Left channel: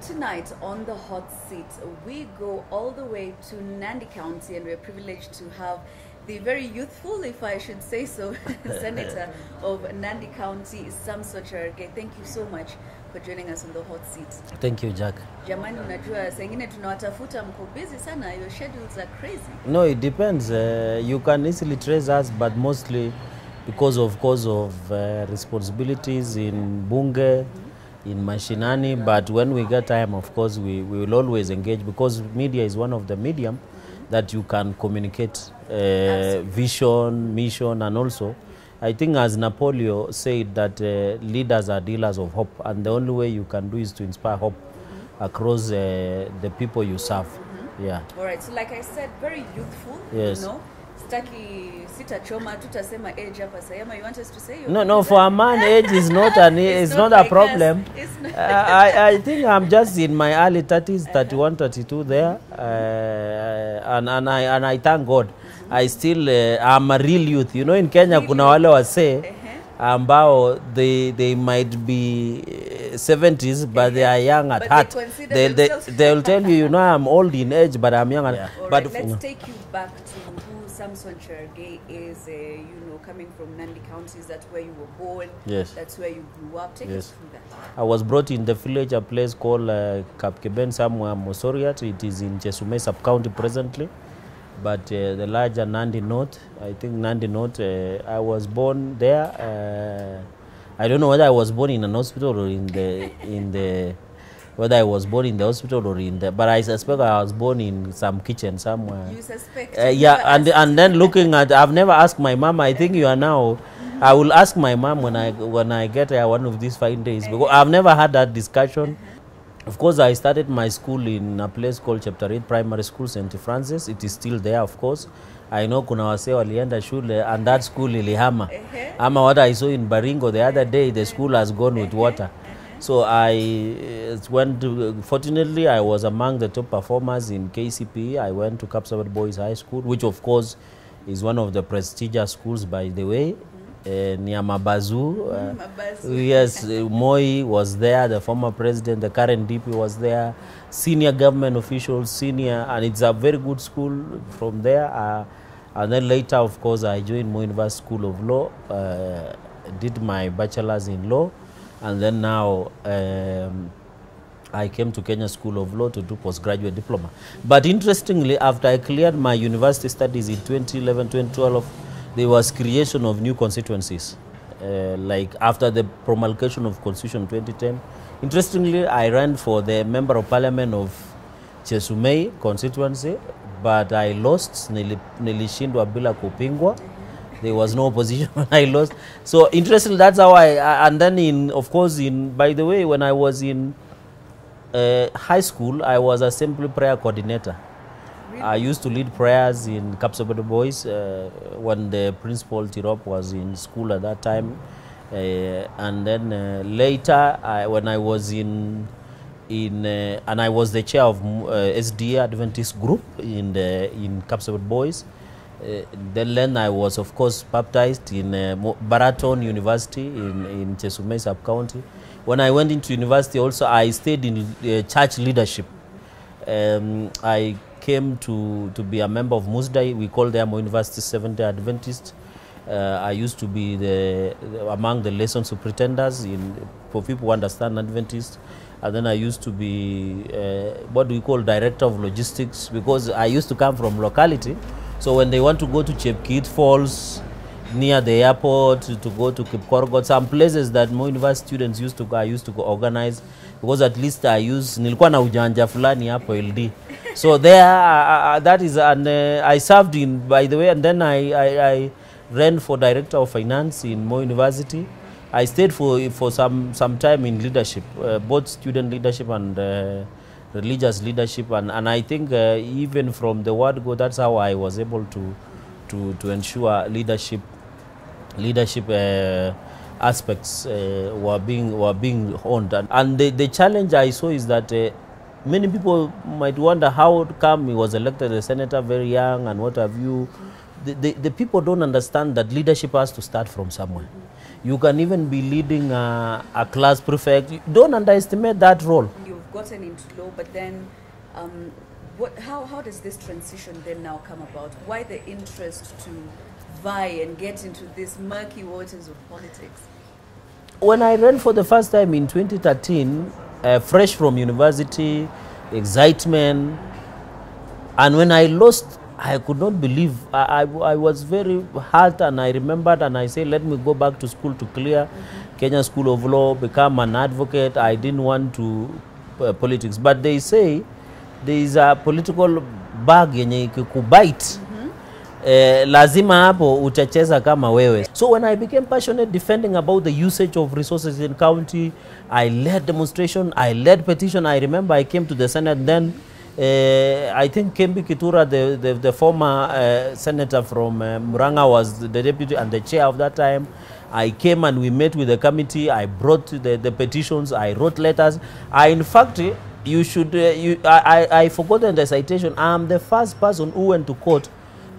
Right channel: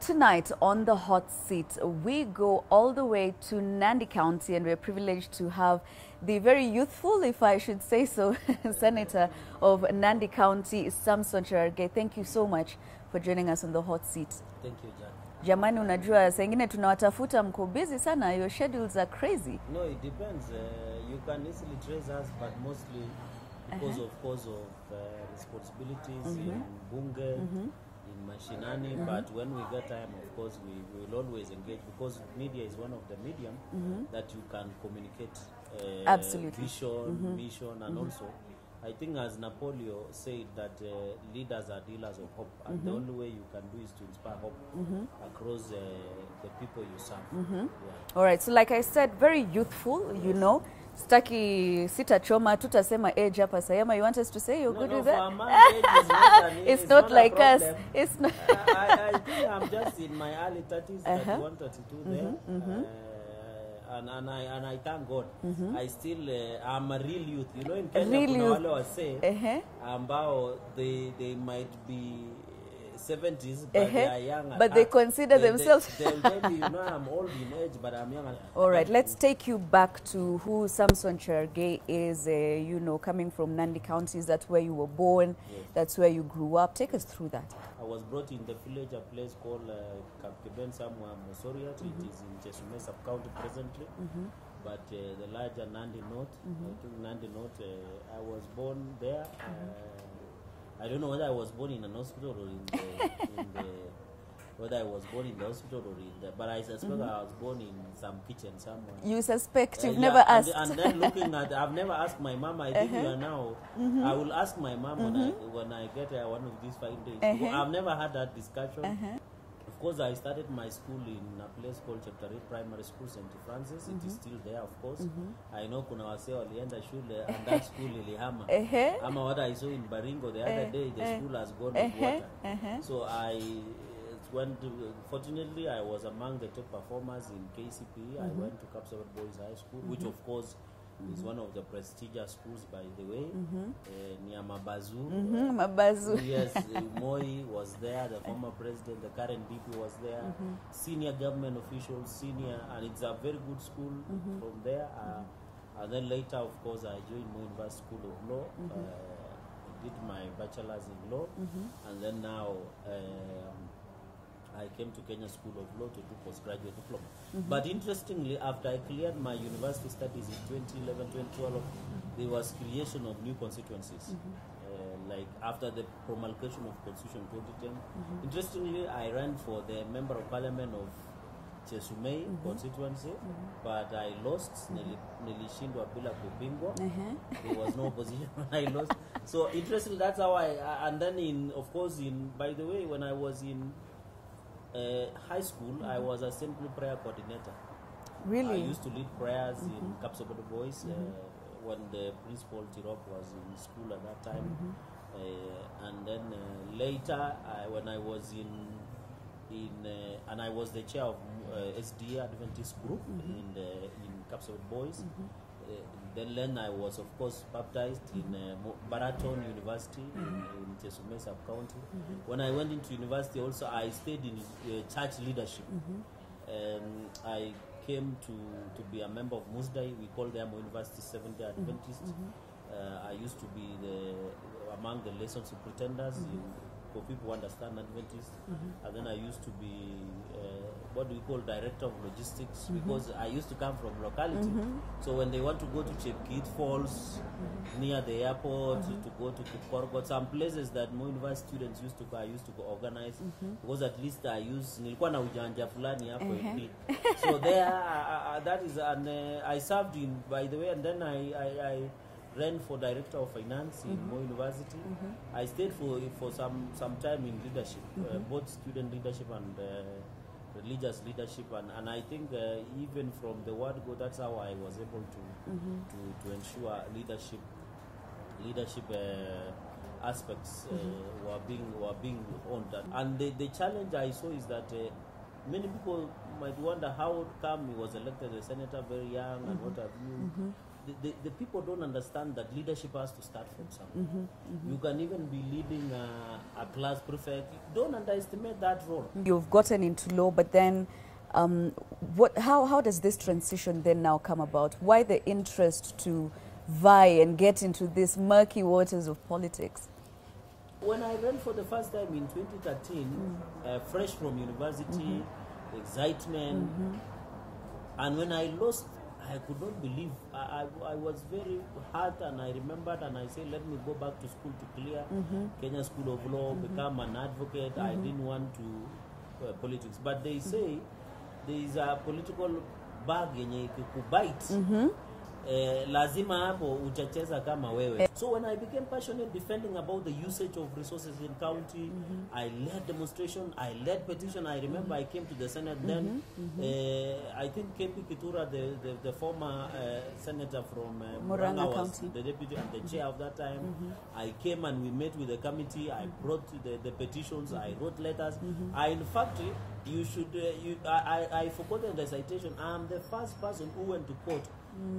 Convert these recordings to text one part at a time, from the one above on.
Tonight on the hot seat, we go all the way to Nandi County, and we're privileged to have the very youthful, if I should say so, Senator of Nandi County, Samson Cherargei. Thank you so much for joining us on the hot seat. Thank you, Jack. Jamani, unajua saa ingine tunawatafuta, mko busy sana, your schedules are crazy. No, it depends. You can easily trace us, but mostly because of responsibilities in Bunge, in Mashinani, but when we get time, of course, we will always engage, because media is one of the medium that you can communicate vision, mission, and also, I think as Napoleon said that leaders are dealers of hope, and the only way you can do is to inspire hope across the people you serve. Yeah. All right, so like I said, very youthful, yes. You know. Staki sita choma tutasema age hapa sayama. You want us to say? No, for a man age is not it's not like a problem. It's not I think I'm just in my early 30s, 31, 32 there, and I thank God. I still I'm a real youth. You know, in Kenya kuna wale wase ambao they might be 70s, but they are young at heart. They'll tell you, you know, I'm old in age, but I'm young. Yeah. All right, let's take you back to who Samson Cherargei is. You know, coming from Nandi County, that's where you were born. Yes. That's where you grew up. Take us through that. I was brought in the village, a place called Kapkeben, somewhere Mosoriat. It is in Chesume sub-county presently. But the larger Nandi North, I think Nandi North, I was born there. I don't know whether I was born in an hospital or whether I was born in the hospital or but I suspect I was born in some kitchen somewhere. You suspect? Yeah, and then looking at, I've never asked my mom. I think you are now. I will ask my mom when I get here one of these fine days, because I've never had that discussion. Of course, I started my school in a place called Chapter 8 Primary School, St. Francis. It is still there, of course. I know kuna wase walienda shule and that school ilihama. Ama what I saw in Baringo the other day, the school has gone with water. So I went to, fortunately, I was among the top performers in KCPE. I went to Kapsabet Boys High School, which of course is one of the prestigious schools, by the way. Near Mabazu. Yes, Moi was there, the former president, the current DP was there, senior government officials, and it's a very good school from there. And then later, of course, I joined Moi University School of Law, did my bachelor's in law, and then now I came to Kenya School of Law to do postgraduate diploma. But interestingly, after I cleared my university studies in 2011, 2012, there was creation of new constituencies. Like after the promulgation of Constitution 2010. Interestingly, I ran for the Member of Parliament of Chesume constituency, but I lost. Nilishindwa bila kupingwa. There was no opposition when I lost. So interestingly, that's how and then by the way, when I was in high school, I was assembly prayer coordinator. Really? I used to lead prayers in Kapsabet Boys when the principal Tirop was in school at that time. And then later, when I was and I was the chair of SDA Adventist group in Kapsabet Boys. Then I was, of course, baptized in Baraton University in Chesume sub-county. When I went into university also, I stayed in church leadership. I came to be a member of Musdai. We call them University Seventh-day Adventist. I used to be among the lesson superintendents for people who understand Adventist. And then I used to be what we call director of logistics, because I used to come from locality. So when they want to go to Chepkit Falls, near the airport, to go to Kipkorgot, some places that more university students used to go, I used to go organize, because at least nilikuwa na ujanja fulani hapo LD. So there, that is, and I served in, by the way, and then I ran for director of finance in Moi University. I stayed for some time in leadership, both student leadership and religious leadership, and I think even from the word go, that's how I was able to ensure leadership aspects were being honed. And the challenge I saw is that many people might wonder how come he was elected as a senator very young and what have you. the people don't understand that leadership has to start from somewhere. You can even be leading a class prefect. Don't underestimate that role. You've gotten into law, but then how does this transition then now come about? Why the interest to vie and get into these murky waters of politics? When I ran for the first time in 2013, fresh from university, excitement, and when I lost, I could not believe. I was very hurt, and I remembered, and I said, let me go back to school to clear Kenya School of Law, become an advocate. I didn't want to politics. But they say there is a political bag yenye ikikubite. Lazima hapo utacheza kama wewe. So when I became passionate defending about the usage of resources in county, I led demonstration, I led petition. I remember I came to the Senate then. I think Kembi Kitura, the former senator from Muranga, was the deputy and the chair of that time. I came and we met with the committee. I brought the petitions. I wrote letters. In fact, you should. I forgotten the citation. I'm the first person who went to court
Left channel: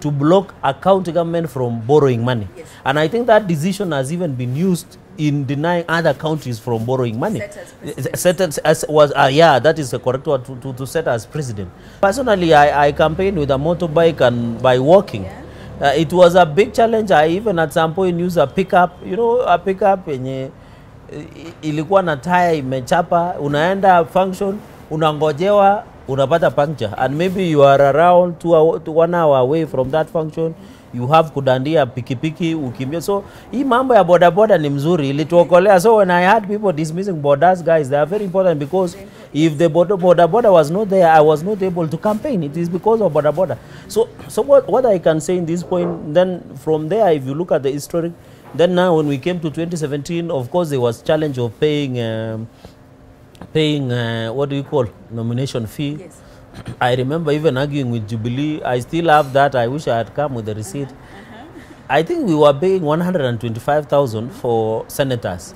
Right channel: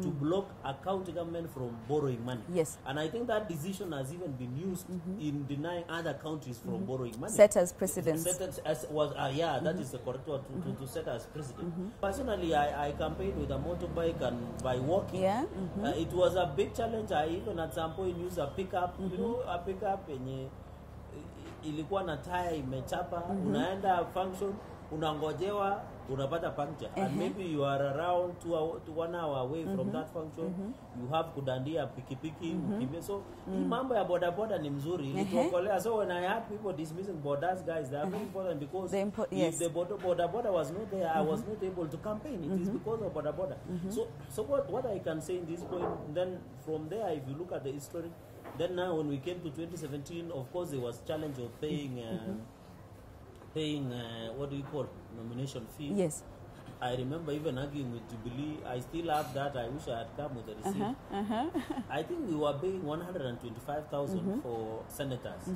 to block a county government from borrowing money. Yes. And I think that decision has even been used in denying other countries from borrowing money. Set as president. Set as was, yeah, that is the correct word, to set as president. Personally, I campaigned with a motorbike and by walking. Yeah. It was a big challenge. I even at some point used a pickup, you know, a pickup yenye ilikuwa na tire imechapa, unaenda function, unangojewa, unapata puncture, and maybe you are around 1 hour away from that function, you have kudandia pikipiki ukimbia. So hii mambo ya boda ni mzuri, ilituokolea. So when I had people dismissing borders, guys, they are very important, because if the boda was not there, I was not able to campaign. It is because of boda. So what I can say in this point, then from there, if you look at the history, then now when we came to 2017, of course there was challenge of paying what do you call, nomination fee. Yes. I remember even arguing with Jubilee. I still have that. I wish I had come with the receipt. I think we were paying 125,000 for senators.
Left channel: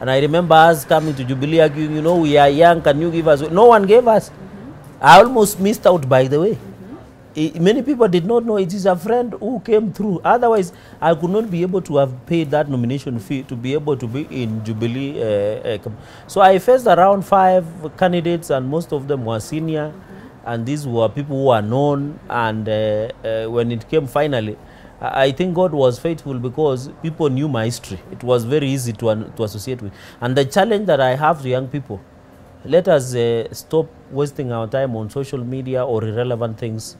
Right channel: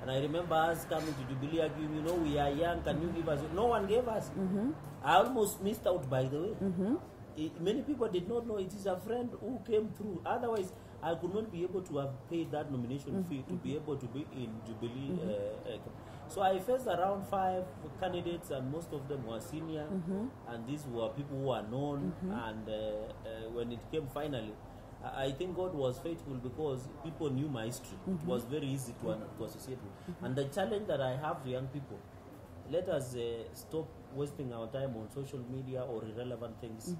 And I remember us coming to Jubilee arguing, you know, we are young, can you give us? No one gave us. I almost missed out, by the way. Many people did not know. It is a friend who came through. Otherwise, I could not be able to have paid that nomination fee to be able to be in Jubilee. So I faced around 5 candidates, and most of them were senior. And these were people who are known. And when it came finally, I think God was faithful, because people knew my history. It was very easy to associate with. And the challenge that I have to young people, let us stop wasting our time on social media or irrelevant things.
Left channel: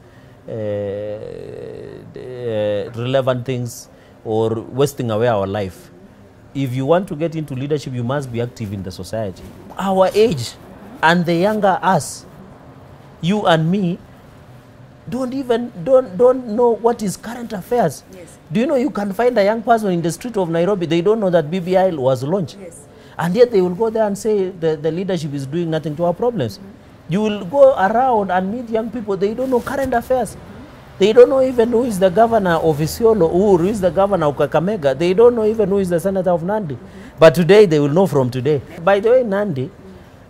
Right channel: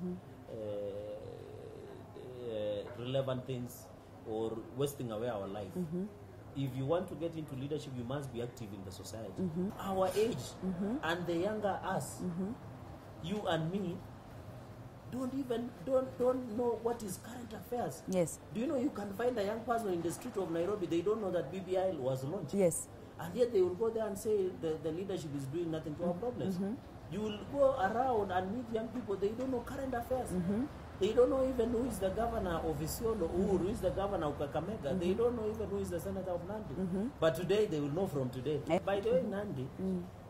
Relevant things, or wasting away our life. If you want to get into leadership, you must be active in the society. Our age and the younger us, you and me, don't know what is current affairs. Yes. Do you know you can find a young person in the street of Nairobi, they don't know that BBI was launched. Yes. And yet they will go there and say the leadership is doing nothing to our problems. You will go around and meet young people, they don't know current affairs. They don't know even who is the governor of Isiolo, who is the governor of Kakamega. They don't know even who is the senator of Nandi. But today, they will know from today. By the way, Nandi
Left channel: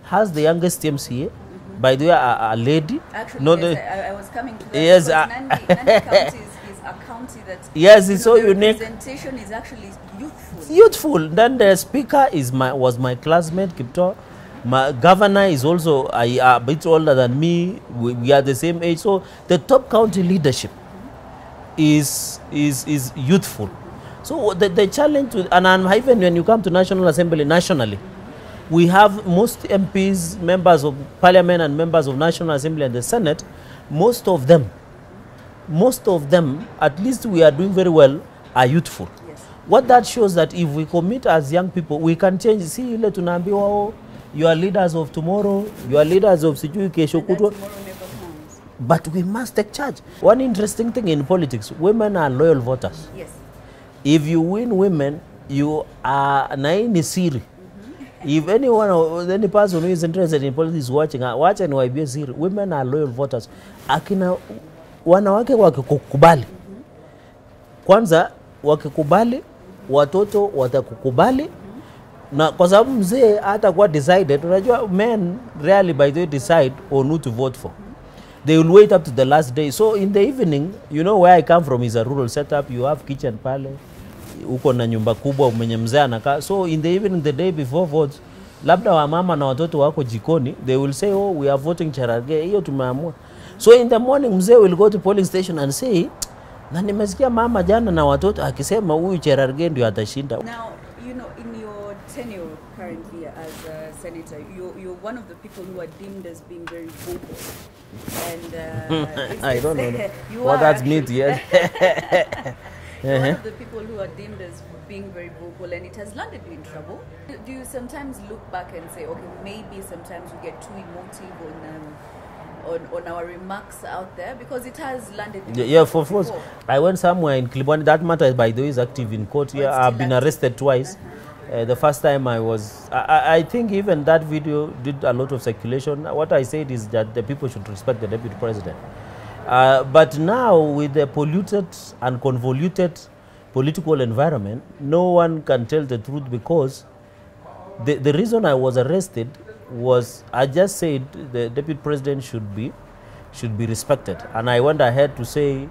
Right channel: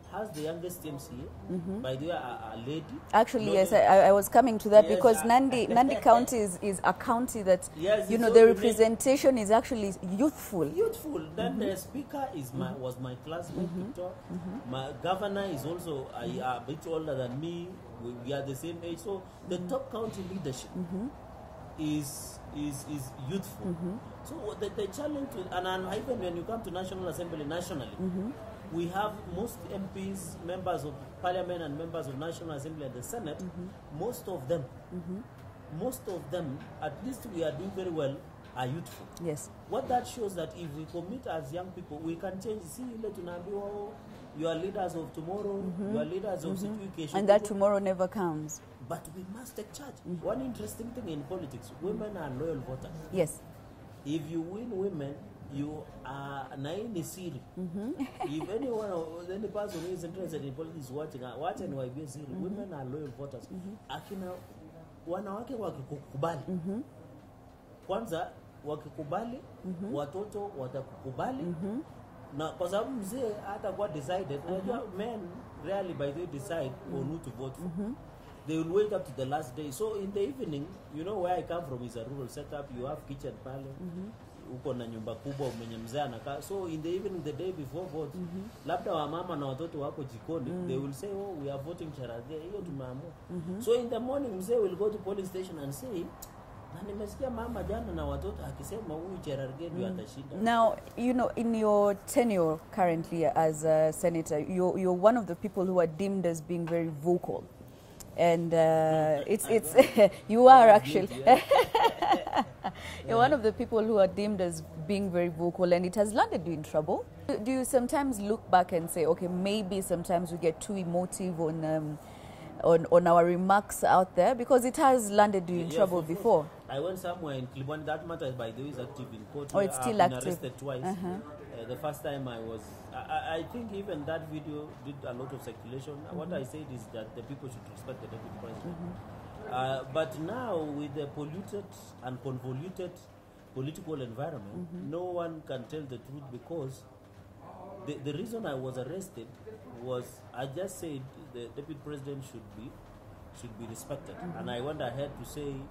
has the youngest MCA. By the way, a lady. Actually, no, yes, I was coming to that, yes, because Nandi County is a county that, yes, it's so the unique. representation is actually youthful. Youthful. Then the speaker was my classmate, Kipto. My governor is also a bit older than me. We are the same age. So the top county leadership is youthful. So the challenge, and even when you come to National Assembly nationally, we have most MPs, members of Parliament and members of National Assembly and the Senate, most of them, at least we are doing very well, are youthful. Yes. What that shows that if we commit as young people, we can change. See, you are leaders of tomorrow, you are leaders of Sijui Kesho. And that tomorrow never comes. But we must take charge. One interesting thing in politics, women are loyal voters. Yes. If you win women, you are naini siri. If any person who is interested in politics is watching, watch and waibie siri. Women are loyal voters. Akina wanawake wakikukubali. Kwanza wakikubali, watoto watakukubali. Na kwa sababu mzee hata kwa decided, unajua men rarely by the way decide on who to vote for. They will wait up to the last day. So in the evening, you know where I come from is a rural setup. You have kitchen pale, uko na nyumba kubwa mwenye mzee anakaa. So in the evening, the day before vote, labda wa mama na watoto wako jikoni, they will say, oh, we are voting Cherargei, hiyo tumeamua. So in the morning, mzee will go to polling station and say, na nimesikia mama jana na watoto akisema huyu Cherargei ndio atashinda. Now, you know, in your tenure currently as a senator, you're one of the people who are deemed as being very vocal. And I don't know you what are that's meant, yeah. You're one of the people who are deemed as being very vocal, and it has landed you in trouble. Do you sometimes look back and say, okay, maybe sometimes we get too emotive on our remarks out there, because it has landed you in trouble for before? I went somewhere in Klibwani. That matter, by the way, is active in court. Oh, yeah, I've been active. arrested twice. The first time I think even that video did a lot of circulation. What I said is that the people should respect the deputy president. But now, with the polluted and convoluted political environment, no one can tell the truth, because the reason I was arrested was I just said the deputy president should be respected. And I went ahead to say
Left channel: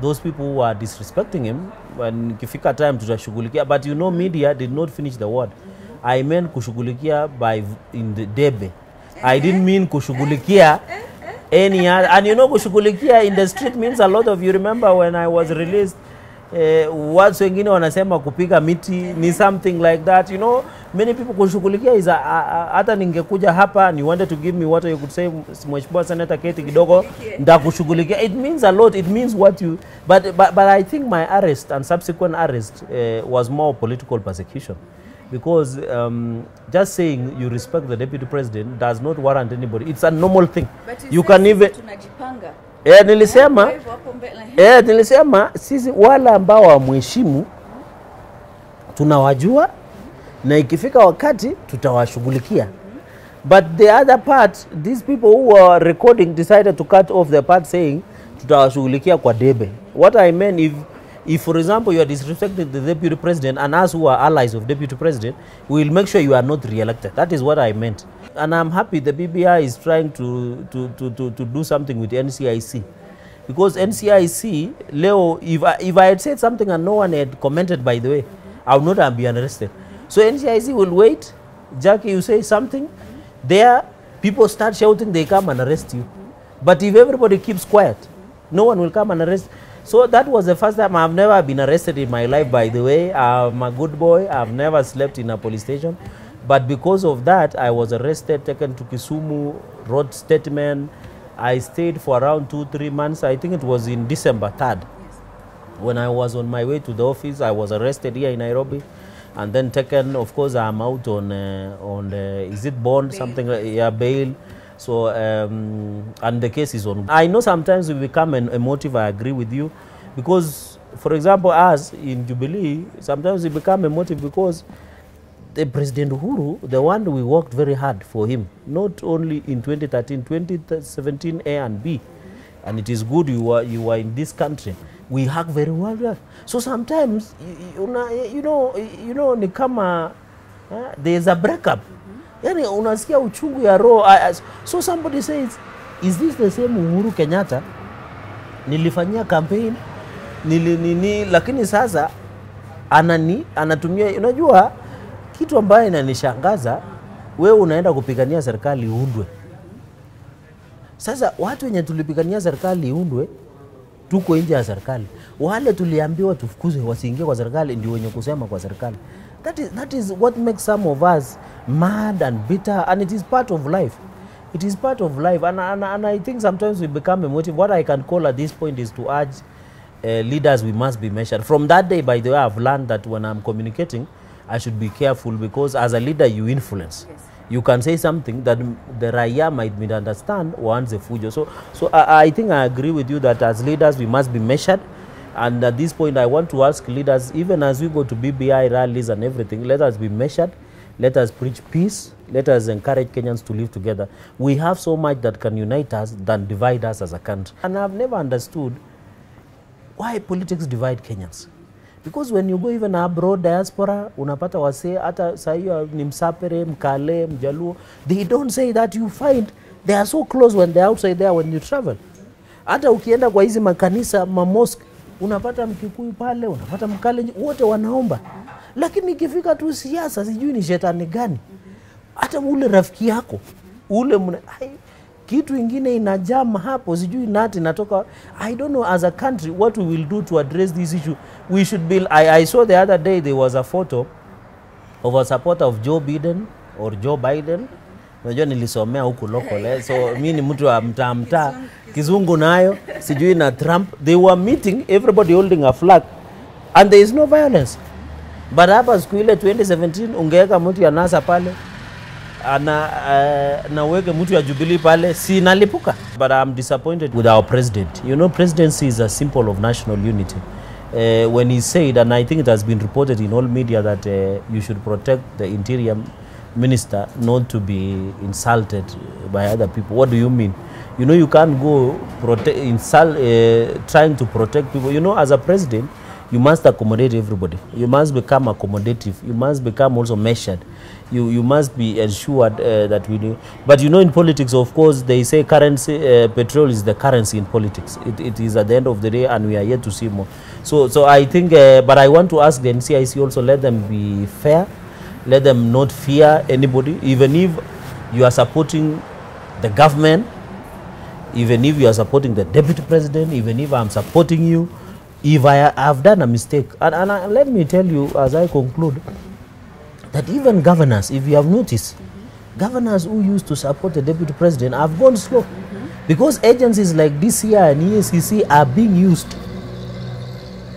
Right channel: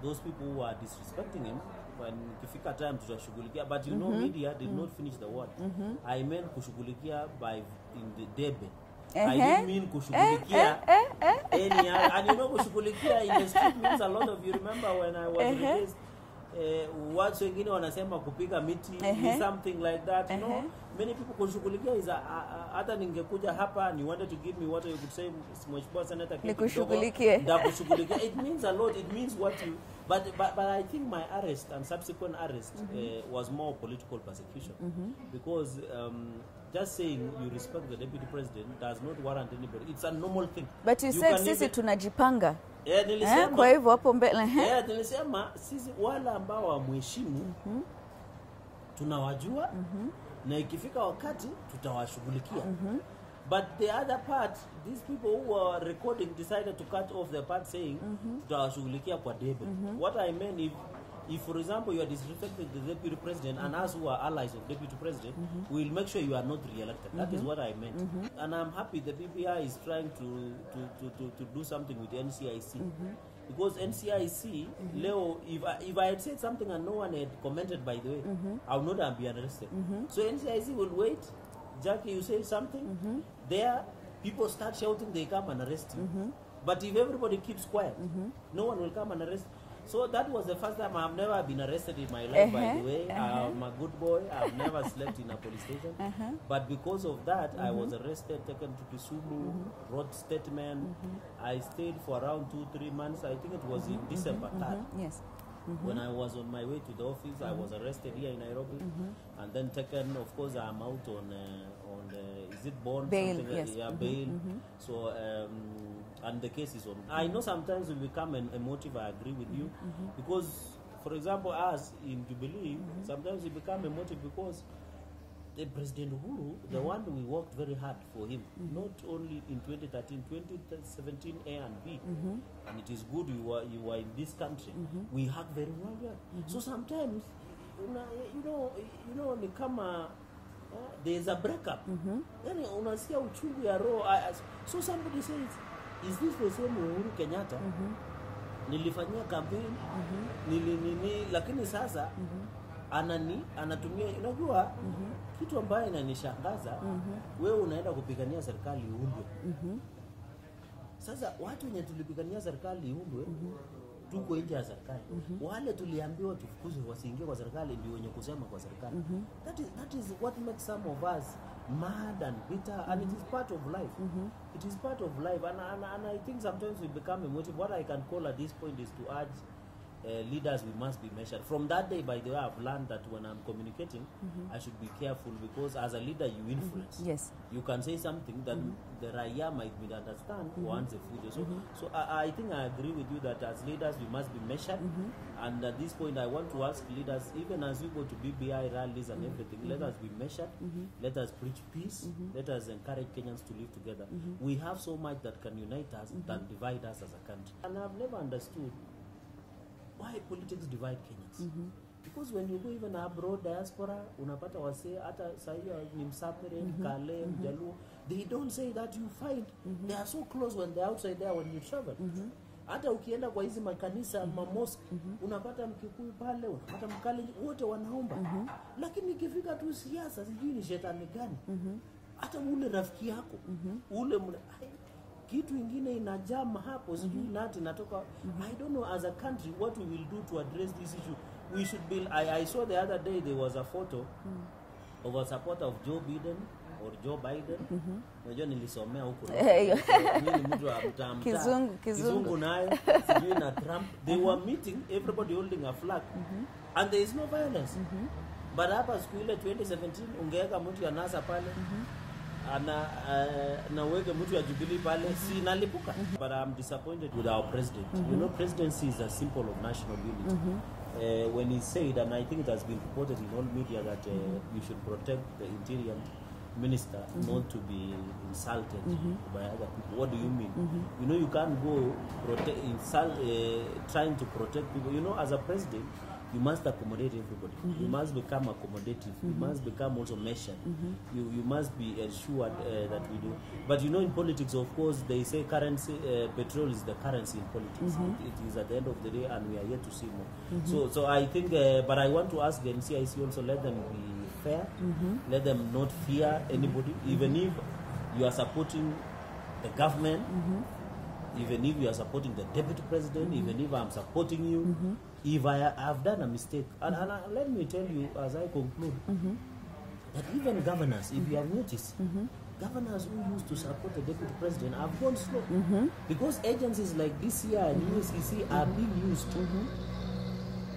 those people who are disrespecting him, when kifika time tutashughulikia. But you know, media did not finish the word. I meant kushughulikia by in the debe. I didn't mean kushughulikia any other. And you know, kushughulikia in the street means a lot of you. Remember when I was released, watu wengine wanasema kupiga miti ni something like that. You know, many people kushughulikia is hata ningekuja hapa and you wanted to give me what you could say, Mheshimiwa Senator Keti kidogo ndakushughulikia. It means a lot. It means what you but I think my arrest and subsequent arrest was more political persecution. Because just saying you respect the deputy president does not warrant anybody. It's a normal thing. But you can even tunajipanga. Nilisema sisi wale ambao wamheshimu tunawajua na ikifika wakati tutawashughulikia. But the other part, these people who are recording decided to cut off the part saying tutawashughulikia kwa debe. What I meant, if for example you are disrespecting the deputy president and us who are allies of deputy president, we will make sure you are not re-elected. That is what I meant. And I'm happy the BBI is trying to do something with NCIC. Because NCIC, Leo, if I had said something and no one had commented, by the way, I would not have been arrested. So NCIC will wait. Jackie, you say something, there people start shouting, they come and arrest you. But if everybody keeps quiet, no one will come and arrest. So that was the first time. I've never been arrested in my life, by the way. I'm a good boy. I've never slept in a police station. But because of that, I was arrested, taken to Kisumu, wrote statement. I stayed for around 2-3 months. I think it was in December 3rd. Yes. When I was on my way to the office, I was arrested here in Nairobi. And then taken, of course, I'm out on is it bond, bail, something like, yeah, bail. So, and the case is on. I know sometimes we become emotive, I agree with you. Because, for example, us in Jubilee, sometimes we become emotive because the President Uhuru, the one we worked very hard for him, not only in 2013, 2017 A and B. And it is good you are in this country. We hug very well. So sometimes, you know, ni kama, there's a breakup. Yani unasikia uchungu ya roho. So somebody says, is this the same Uhuru Kenyatta? Nilifanyia campaign, lakini sasa anatumia, unajua kitu ambaye inanishangaza, wewe unaenda kupigania serikali iundwe. Sasa watu wenye tulipigania serikali iundwe tuko nje ya serikali. Wale tuliambiwa tufukuzwe wasiingie kwa serikali ndio wenye kusema kwa serikali. That is what makes some of us mad and bitter, and it is part of life. It is part of life, and I think sometimes we become emotive. What I can call at this point is to urge leaders, we must be measured. From that day, by the way, I've learned that when I'm communicating, I should be careful, because as a leader you influence. Yes. You can say something that the Raya might misunderstand or wants a fujo. So I think I agree with you that as leaders we must be measured. And at this point I want to ask leaders, even as we go to BBI rallies and everything, let us be measured. Let us preach peace. Let us encourage Kenyans to live together. We have so much that can unite us than divide us as a country. And I've never understood why politics divide Kenyans. Because when you go even abroad, diaspora, unapata wase, hata sahiyo ni Msapere, Mkale, Mjaluo, they don't say that. You find They are so close when they're outside there when you travel. Hata ukienda kwa hizi makanisa, mosque, unapata Mkikuyu pale, unapata Mkalenjin, wote wanaomba. Lakini ikifika tu siasa, sijui ni shetani gani. Hata ule rafiki yako, ule kitu ingine inajama hapo, sijui nati natoka. I don't know, as a country what we will do to address this issue. We should be, I saw the other day there was a photo of a supporter of Joe Biden or Joe Biden. Unajua nilisomea huku local, so mimi ni mtu wa mtaa kizungu nayo, sijui na Trump. They were meeting, everybody holding a flag, and there is no violence. But hapa siku ile 2017 ungeweka mtu ya NASA pale, na weke mtu ya Jubilee pale, si nalipuka. But I'm disappointed with our president. You know, presidency is a symbol of national unity. When he said, and I think it has been reported in all media, that you should protect the interior minister not to be insulted by other people. What do you mean? You know, you can't go trying to protect people. You know, as a president, you must accommodate everybody. You must become accommodative. You must become also measured. You must be ensured that we do. But you know, in politics, of course, they say currency, petrol is the currency in politics. It is at the end of the day, and we are yet to see more. So I think, but I want to ask the NCIC also, let them be fair. Let them not fear anybody, even if you are supporting the government, even if you are supporting the deputy president, even if I'm supporting you, if I have done a mistake. And let me tell you, as I conclude, that even governors, if you have noticed, governors who used to support the deputy president have gone slow. Because agencies like DCI and EACC are being used.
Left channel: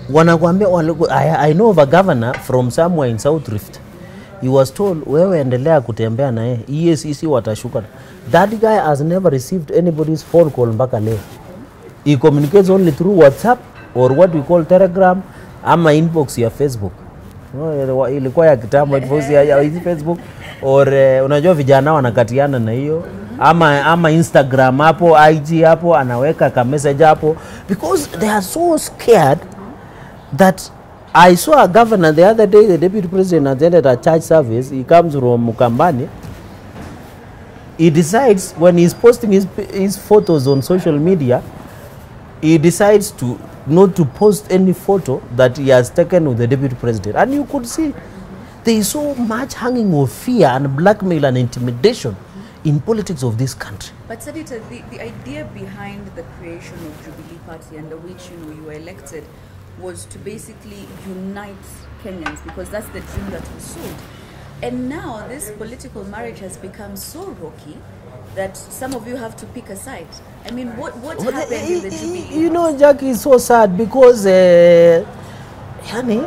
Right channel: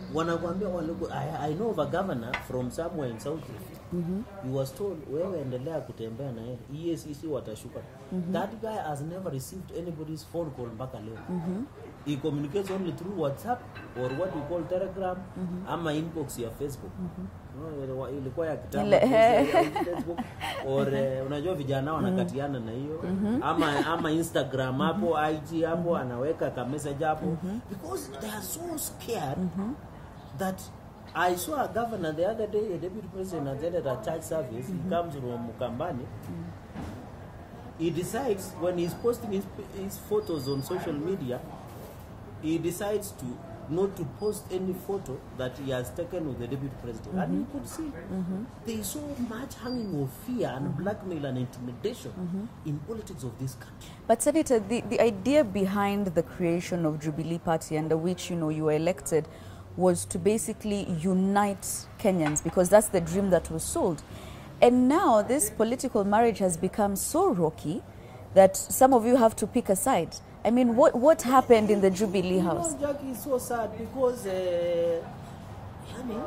I know of a governor from somewhere in South Rift. He was told, wewe endelea kutembea na yeye, EACC watashuka. That guy has never received anybody's phone call mpaka leo. He communicates only through WhatsApp or what we call Telegram, ama inbox ya Facebook. Ilikuwa ya kitambo, it was ya Facebook, or unajua vijana wanakatiana na hiyo, ama Instagram hapo, IG hapo, anaweka ka message hapo, because they are so scared that I saw a governor the other day, the deputy president attended a church service. He comes from Mukambani. He decides, when he's posting his photos on social media, he decides to not to post any photo that he has taken with the deputy president. And you could see there is so much hanging of fear and blackmail and intimidation in politics of this country. But Senator, the idea behind the creation of Jubilee Party, under which, you know, you were elected, was to basically unite Kenyans, because that's the dream that was sold. And now this political marriage has become so rocky that some of you have to pick a side. I mean, what happened in the Jubilee You know, House? Jackie, is so sad because, Yani,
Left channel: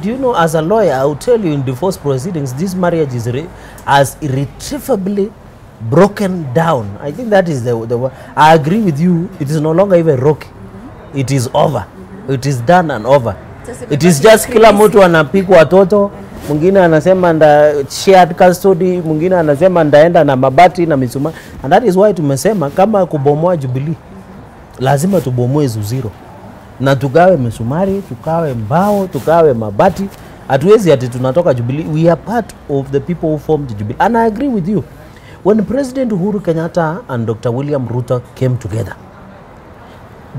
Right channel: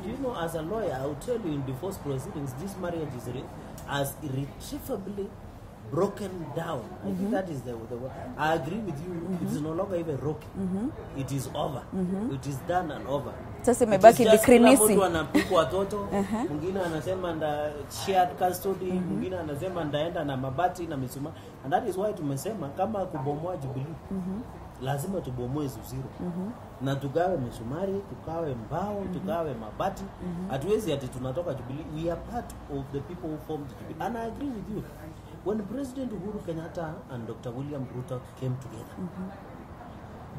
do you know, as a lawyer, I will tell you in divorce proceedings, this marriage is as irretrievably broken down. I think that is the word. I agree with you. It is no longer even rocky. It is over. It is done and over. It is just kila mtu anapika watoto, mwingine anasema nda shared custody, mwingine anasema ndaenda na mabati na misuma. And that is why tumesema kama kubomoa Jubilee, lazima tubomoe zero. Na tugawe misumari, tugawe mbao, tugawe mabati. Hatuwezi ati tunatoka Jubilee. We are part of the people who formed Jubilee. And I agree with you. When President Uhuru Kenyatta and Dr. William Ruto came together,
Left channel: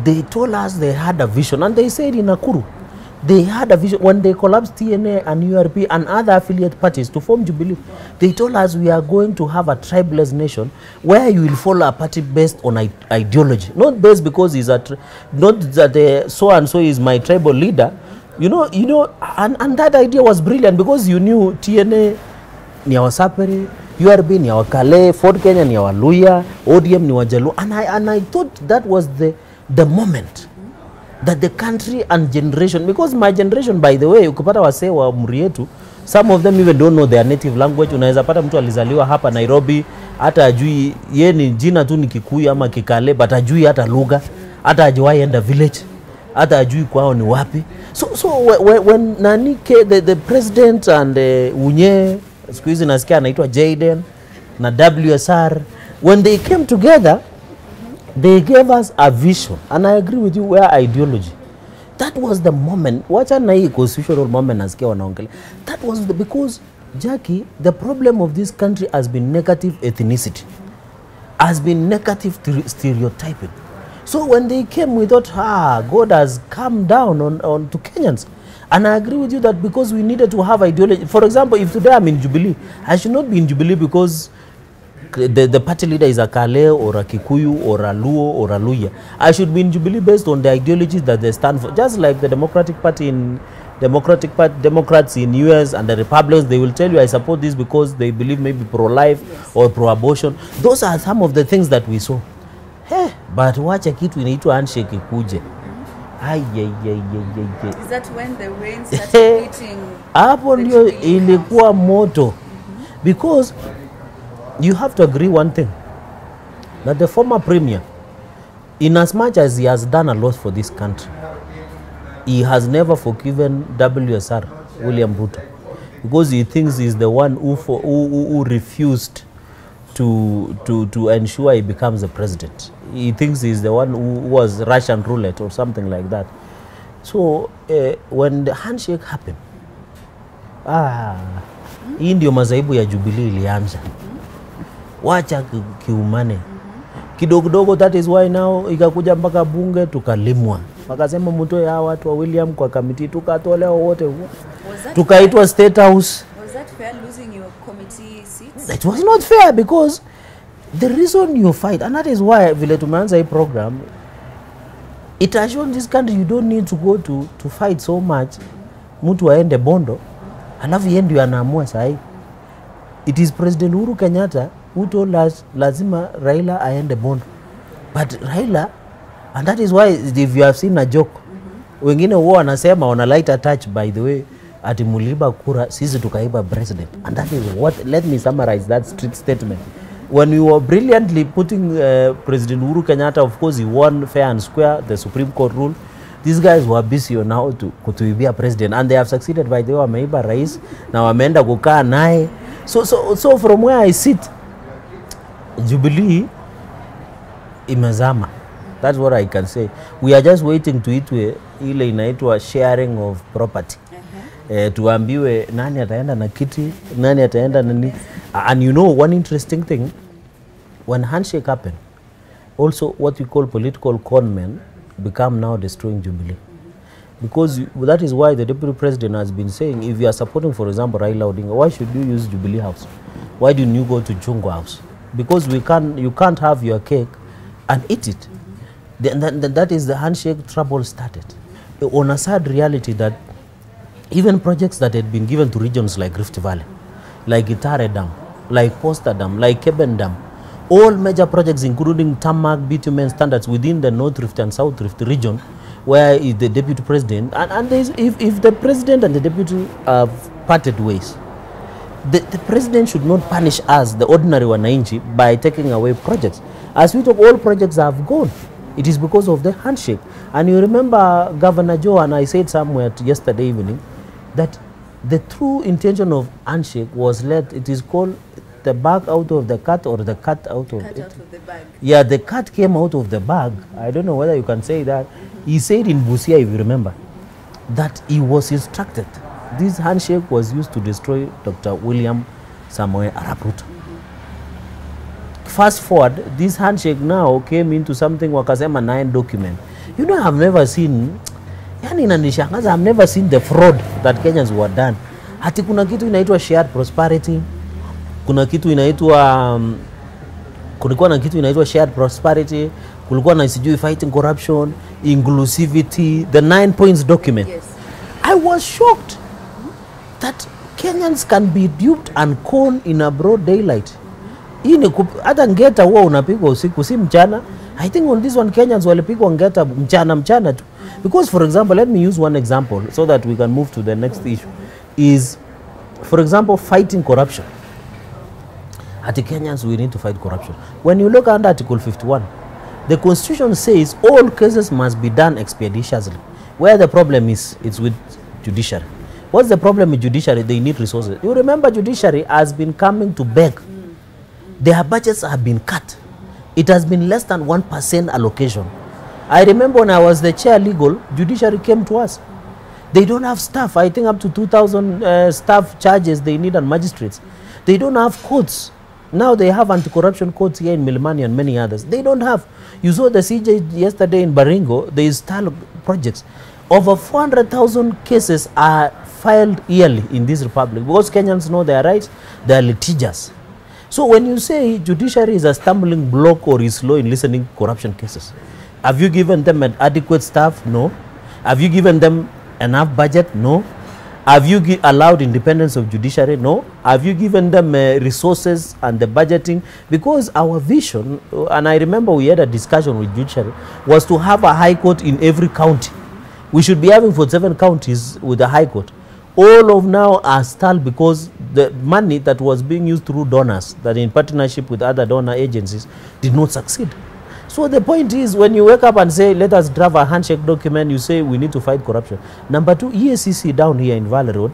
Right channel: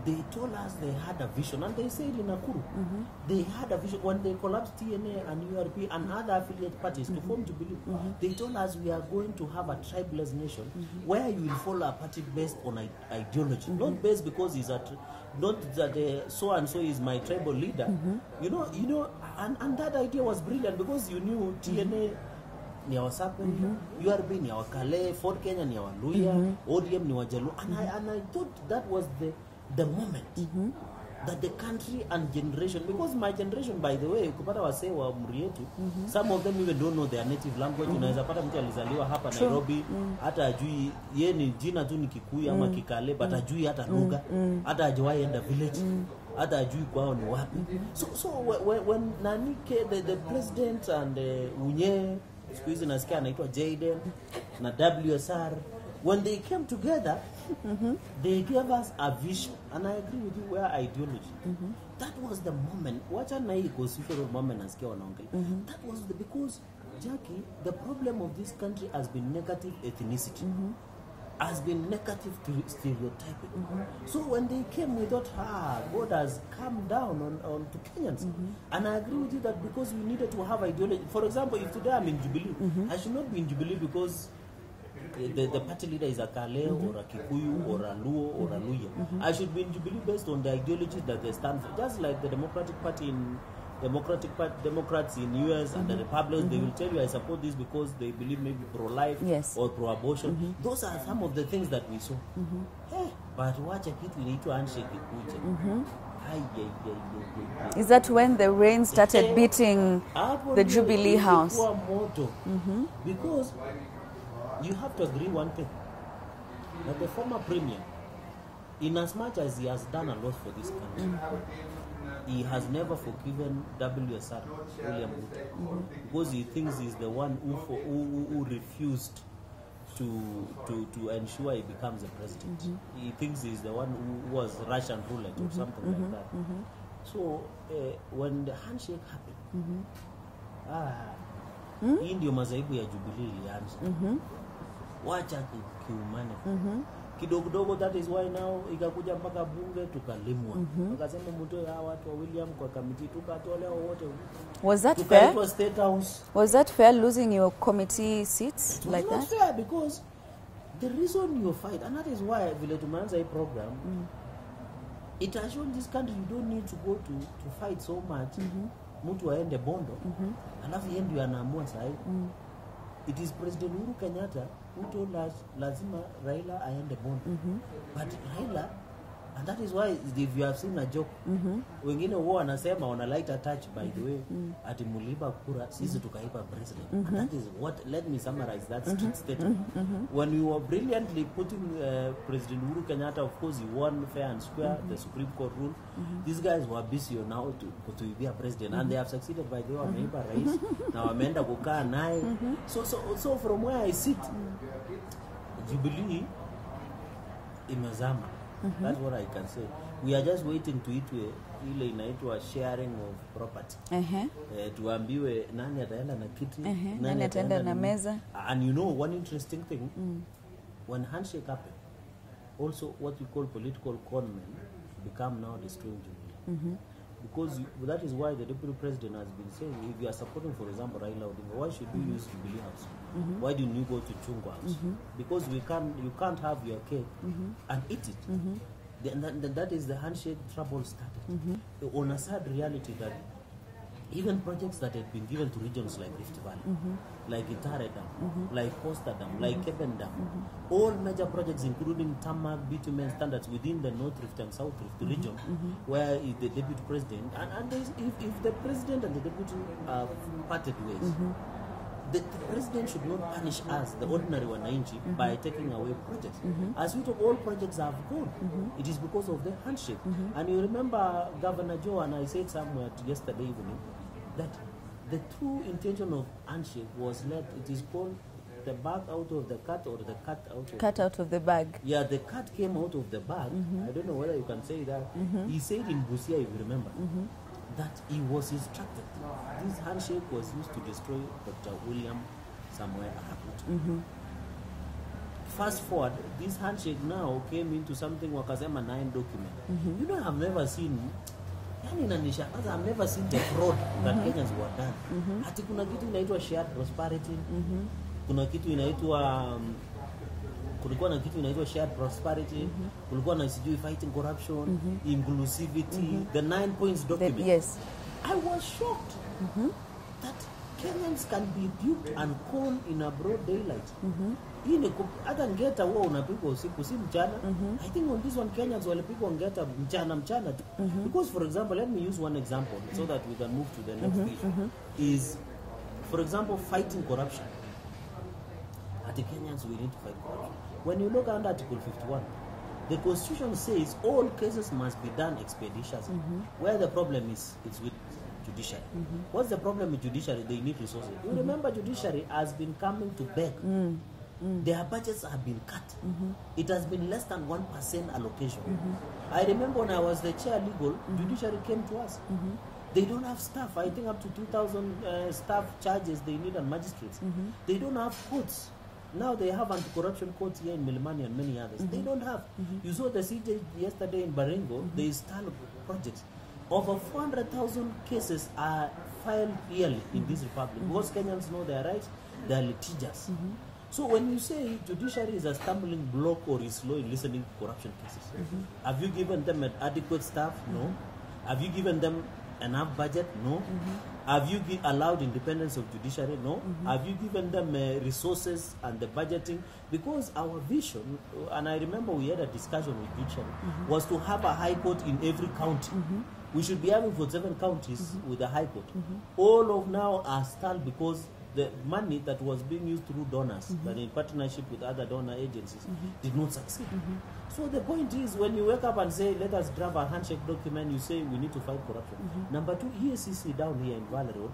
they told us they had a vision, and they said in Nakuru, they had a vision when they collapsed TNA and URP and other affiliate parties to form Jubilee. They told us we are going to have a tribeless nation where you will follow a party based on ideology, not based because he's not that so and so is my tribal leader. You know, and that idea was brilliant because you knew TNA ni ya Wasaperi, URP ni ya Wakale, Ford Kenya ni ya Waluya, ODM ni Wajaluo, and I thought that was the moment that the country and generation, because my generation, by the way, ukipata wasee wa umri yetu, some of them even don't know their native language. Unaweza pata mtu alizaliwa hapa Nairobi, hata ajui ye ni jina tu ni Kikuyu ama Kikale, but ajui hata lugha, hata ajiwahi enda village, hata ajui kwao ni wapi. So when the president and Unye, siku hizi nasikia anaitwa Jaden na WSR, when they came together, they gave us a vision, and I agree with you, where ideology. That was the moment. Wacha na hii constitutional moment nasikia wanaongelea. That was because, Jackie, the problem of this country has been negative ethnicity. has been negative stereotyping. So when they came, we thought, God has come down on to Kenyans. And I agree with you that because we needed to have ideology. For example, if today I'm in Jubilee, I should not be in Jubilee because the party leader is a Kale or a Kikuyu or a Luo or a Luya. I should be in Jubilee based on the ideologies that they stand for. Just like the Democratic Party in Democrats in US and the Republicans, they will tell you, I support this because they believe maybe pro-life or pro-abortion. Those are some of the things that we saw. Hey, but wacha kitu inaitwa handshake ikuje. Is that when the rain started beating hapo the ndio Jubilee ilikuwa House? moto. Because you have to agree one thing, that the former premier, in as much as he has done a lot for this country, he has never forgiven WSR, William Ruto, because he thinks he's the one who refused to ensure he becomes the president. He thinks he's the one who was Russian roulette or something like that. So when the handshake happened, hii ndio mazaibu ya Jubilee ilianza. Wacha kiumane. Kidogo, that is why now ikakuja mpaka bunge tukalimwa. Wakasema mtoe hawa watu wa William kwa committee, tukatolewa wote. Tukaitwa State House. Was that fair, losing your committee seats? It was not fair, because the reason you fight, and that is why vile tumeanza hii program, it has shown this country you don't need to go to fight so much. Mtu aende Bondo, alafu yeye ndio anaamua sahi. It is President Uhuru Kenyatta who told us lazima Raila aende Bondo. But Raila, and that is why if you have seen a joke, wengine huwa wanasema on a lighter touch, by the way, ati muliba kura sisi tukaiba president. And that is what, let me summarize that street statement. When we were brilliantly putting President Uhuru Kenyatta, of course he won fair and square, the Supreme Court rule. These guys were busy on how to kutuibia president, and they have succeeded. By the way, wameiba rais na wameenda kukaa naye. So from where I sit, Jubilee imezama. That's what I can say. We are just waiting to itwe ile inaitwa sharing of property. Tuambiwe nani ataenda na kiti, nani ataenda na nini. And you know one interesting thing, when handshake happened, also what we call political conmen become now destroying Jubilee. Because that is why the deputy president has been saying, if you are supporting, for example, Raila Odinga, why should you use Jubilee House? Why didn't you go to Chungwa House? Because you can't have your cake and eat it. That is the handshake trouble started. On a sad reality that even projects that had been given to regions like Rift Valley, like Itare Dam, like Posta Dam, like Keben Dam, all major projects including tarmac, bitumen standards within the North Rift and South Rift region, where the deputy president, and if the president and the deputy have parted ways, the president should not punish us, the ordinary wananchi, by taking away projects. As we talk, all projects have gone. It is because of the handshake. And you remember Governor Joe, and I said somewhere yesterday evening, that the true intention of handshake was it is called the bag out of the cat, or the cat out of Cat out of the bag. Yeah, the cat came out of the bag. I don't know whether you can say that. He said in Busia, if you remember, that he was instructed. This handshake was used to destroy Dr. William Samoei Arap Ruto. Fast forward, this handshake now came into something wakasema 9 document. You know, I've never seen, yani inanishangaza, I've never seen the fraud that Kenyans were done. Hati kuna kitu inaitwa shared prosperity, kuna kitu inaitwa kulikuwa na kitu inaitwa shared prosperity, kulikuwa na sijui fighting corruption, inclusivity, the 9 points document. Yes. I was shocked that Kenyans can be duped and conned in a broad daylight. Hata ngeta huwa unapigwa usiku, si mchana. I think on this one Kenyans walipigwa ngeta mchana tu. Because for example, let me use one example so that we can move to the next issue. Is, for example, fighting corruption. At the Kenyans, we need to fight corruption. When you look under Article 51, the Constitution says all cases must be done expeditiously. Where the problem is, it's with judiciary. What's the problem with judiciary? They need resources. You remember judiciary has been coming to beg. Their budgets have been cut. It has been less than 1% allocation. I remember when I was the chair legal, judiciary came to us. They don't have staff. I think up to 2,000 staff charges they need on magistrates. They don't have courts. Now they have anti-corruption courts here in Milimani and many others. They don't have. You saw the CJ yesterday in Baringo, they install projects. Over 400,000 cases are filed yearly in this republic because Kenyans know their rights, they are litigious. So when you say judiciary is a stumbling block or is slow in listening to corruption cases, have you given them an adequate staff? No. Have you given them enough budget? No. Have you allowed independence of judiciary? No. Have you given them resources and the budgeting? Because our vision, and I remember we had a discussion with judiciary, was to have a high court in every county. We should be having 47 counties with a high court. All of now are stalled because the money that was being used through donors, that in partnership with other donor agencies, did not succeed. So the point is, when you wake up and say, let us draft a handshake document, you say we need to fight corruption. Number two, EACC down here in Valley Road,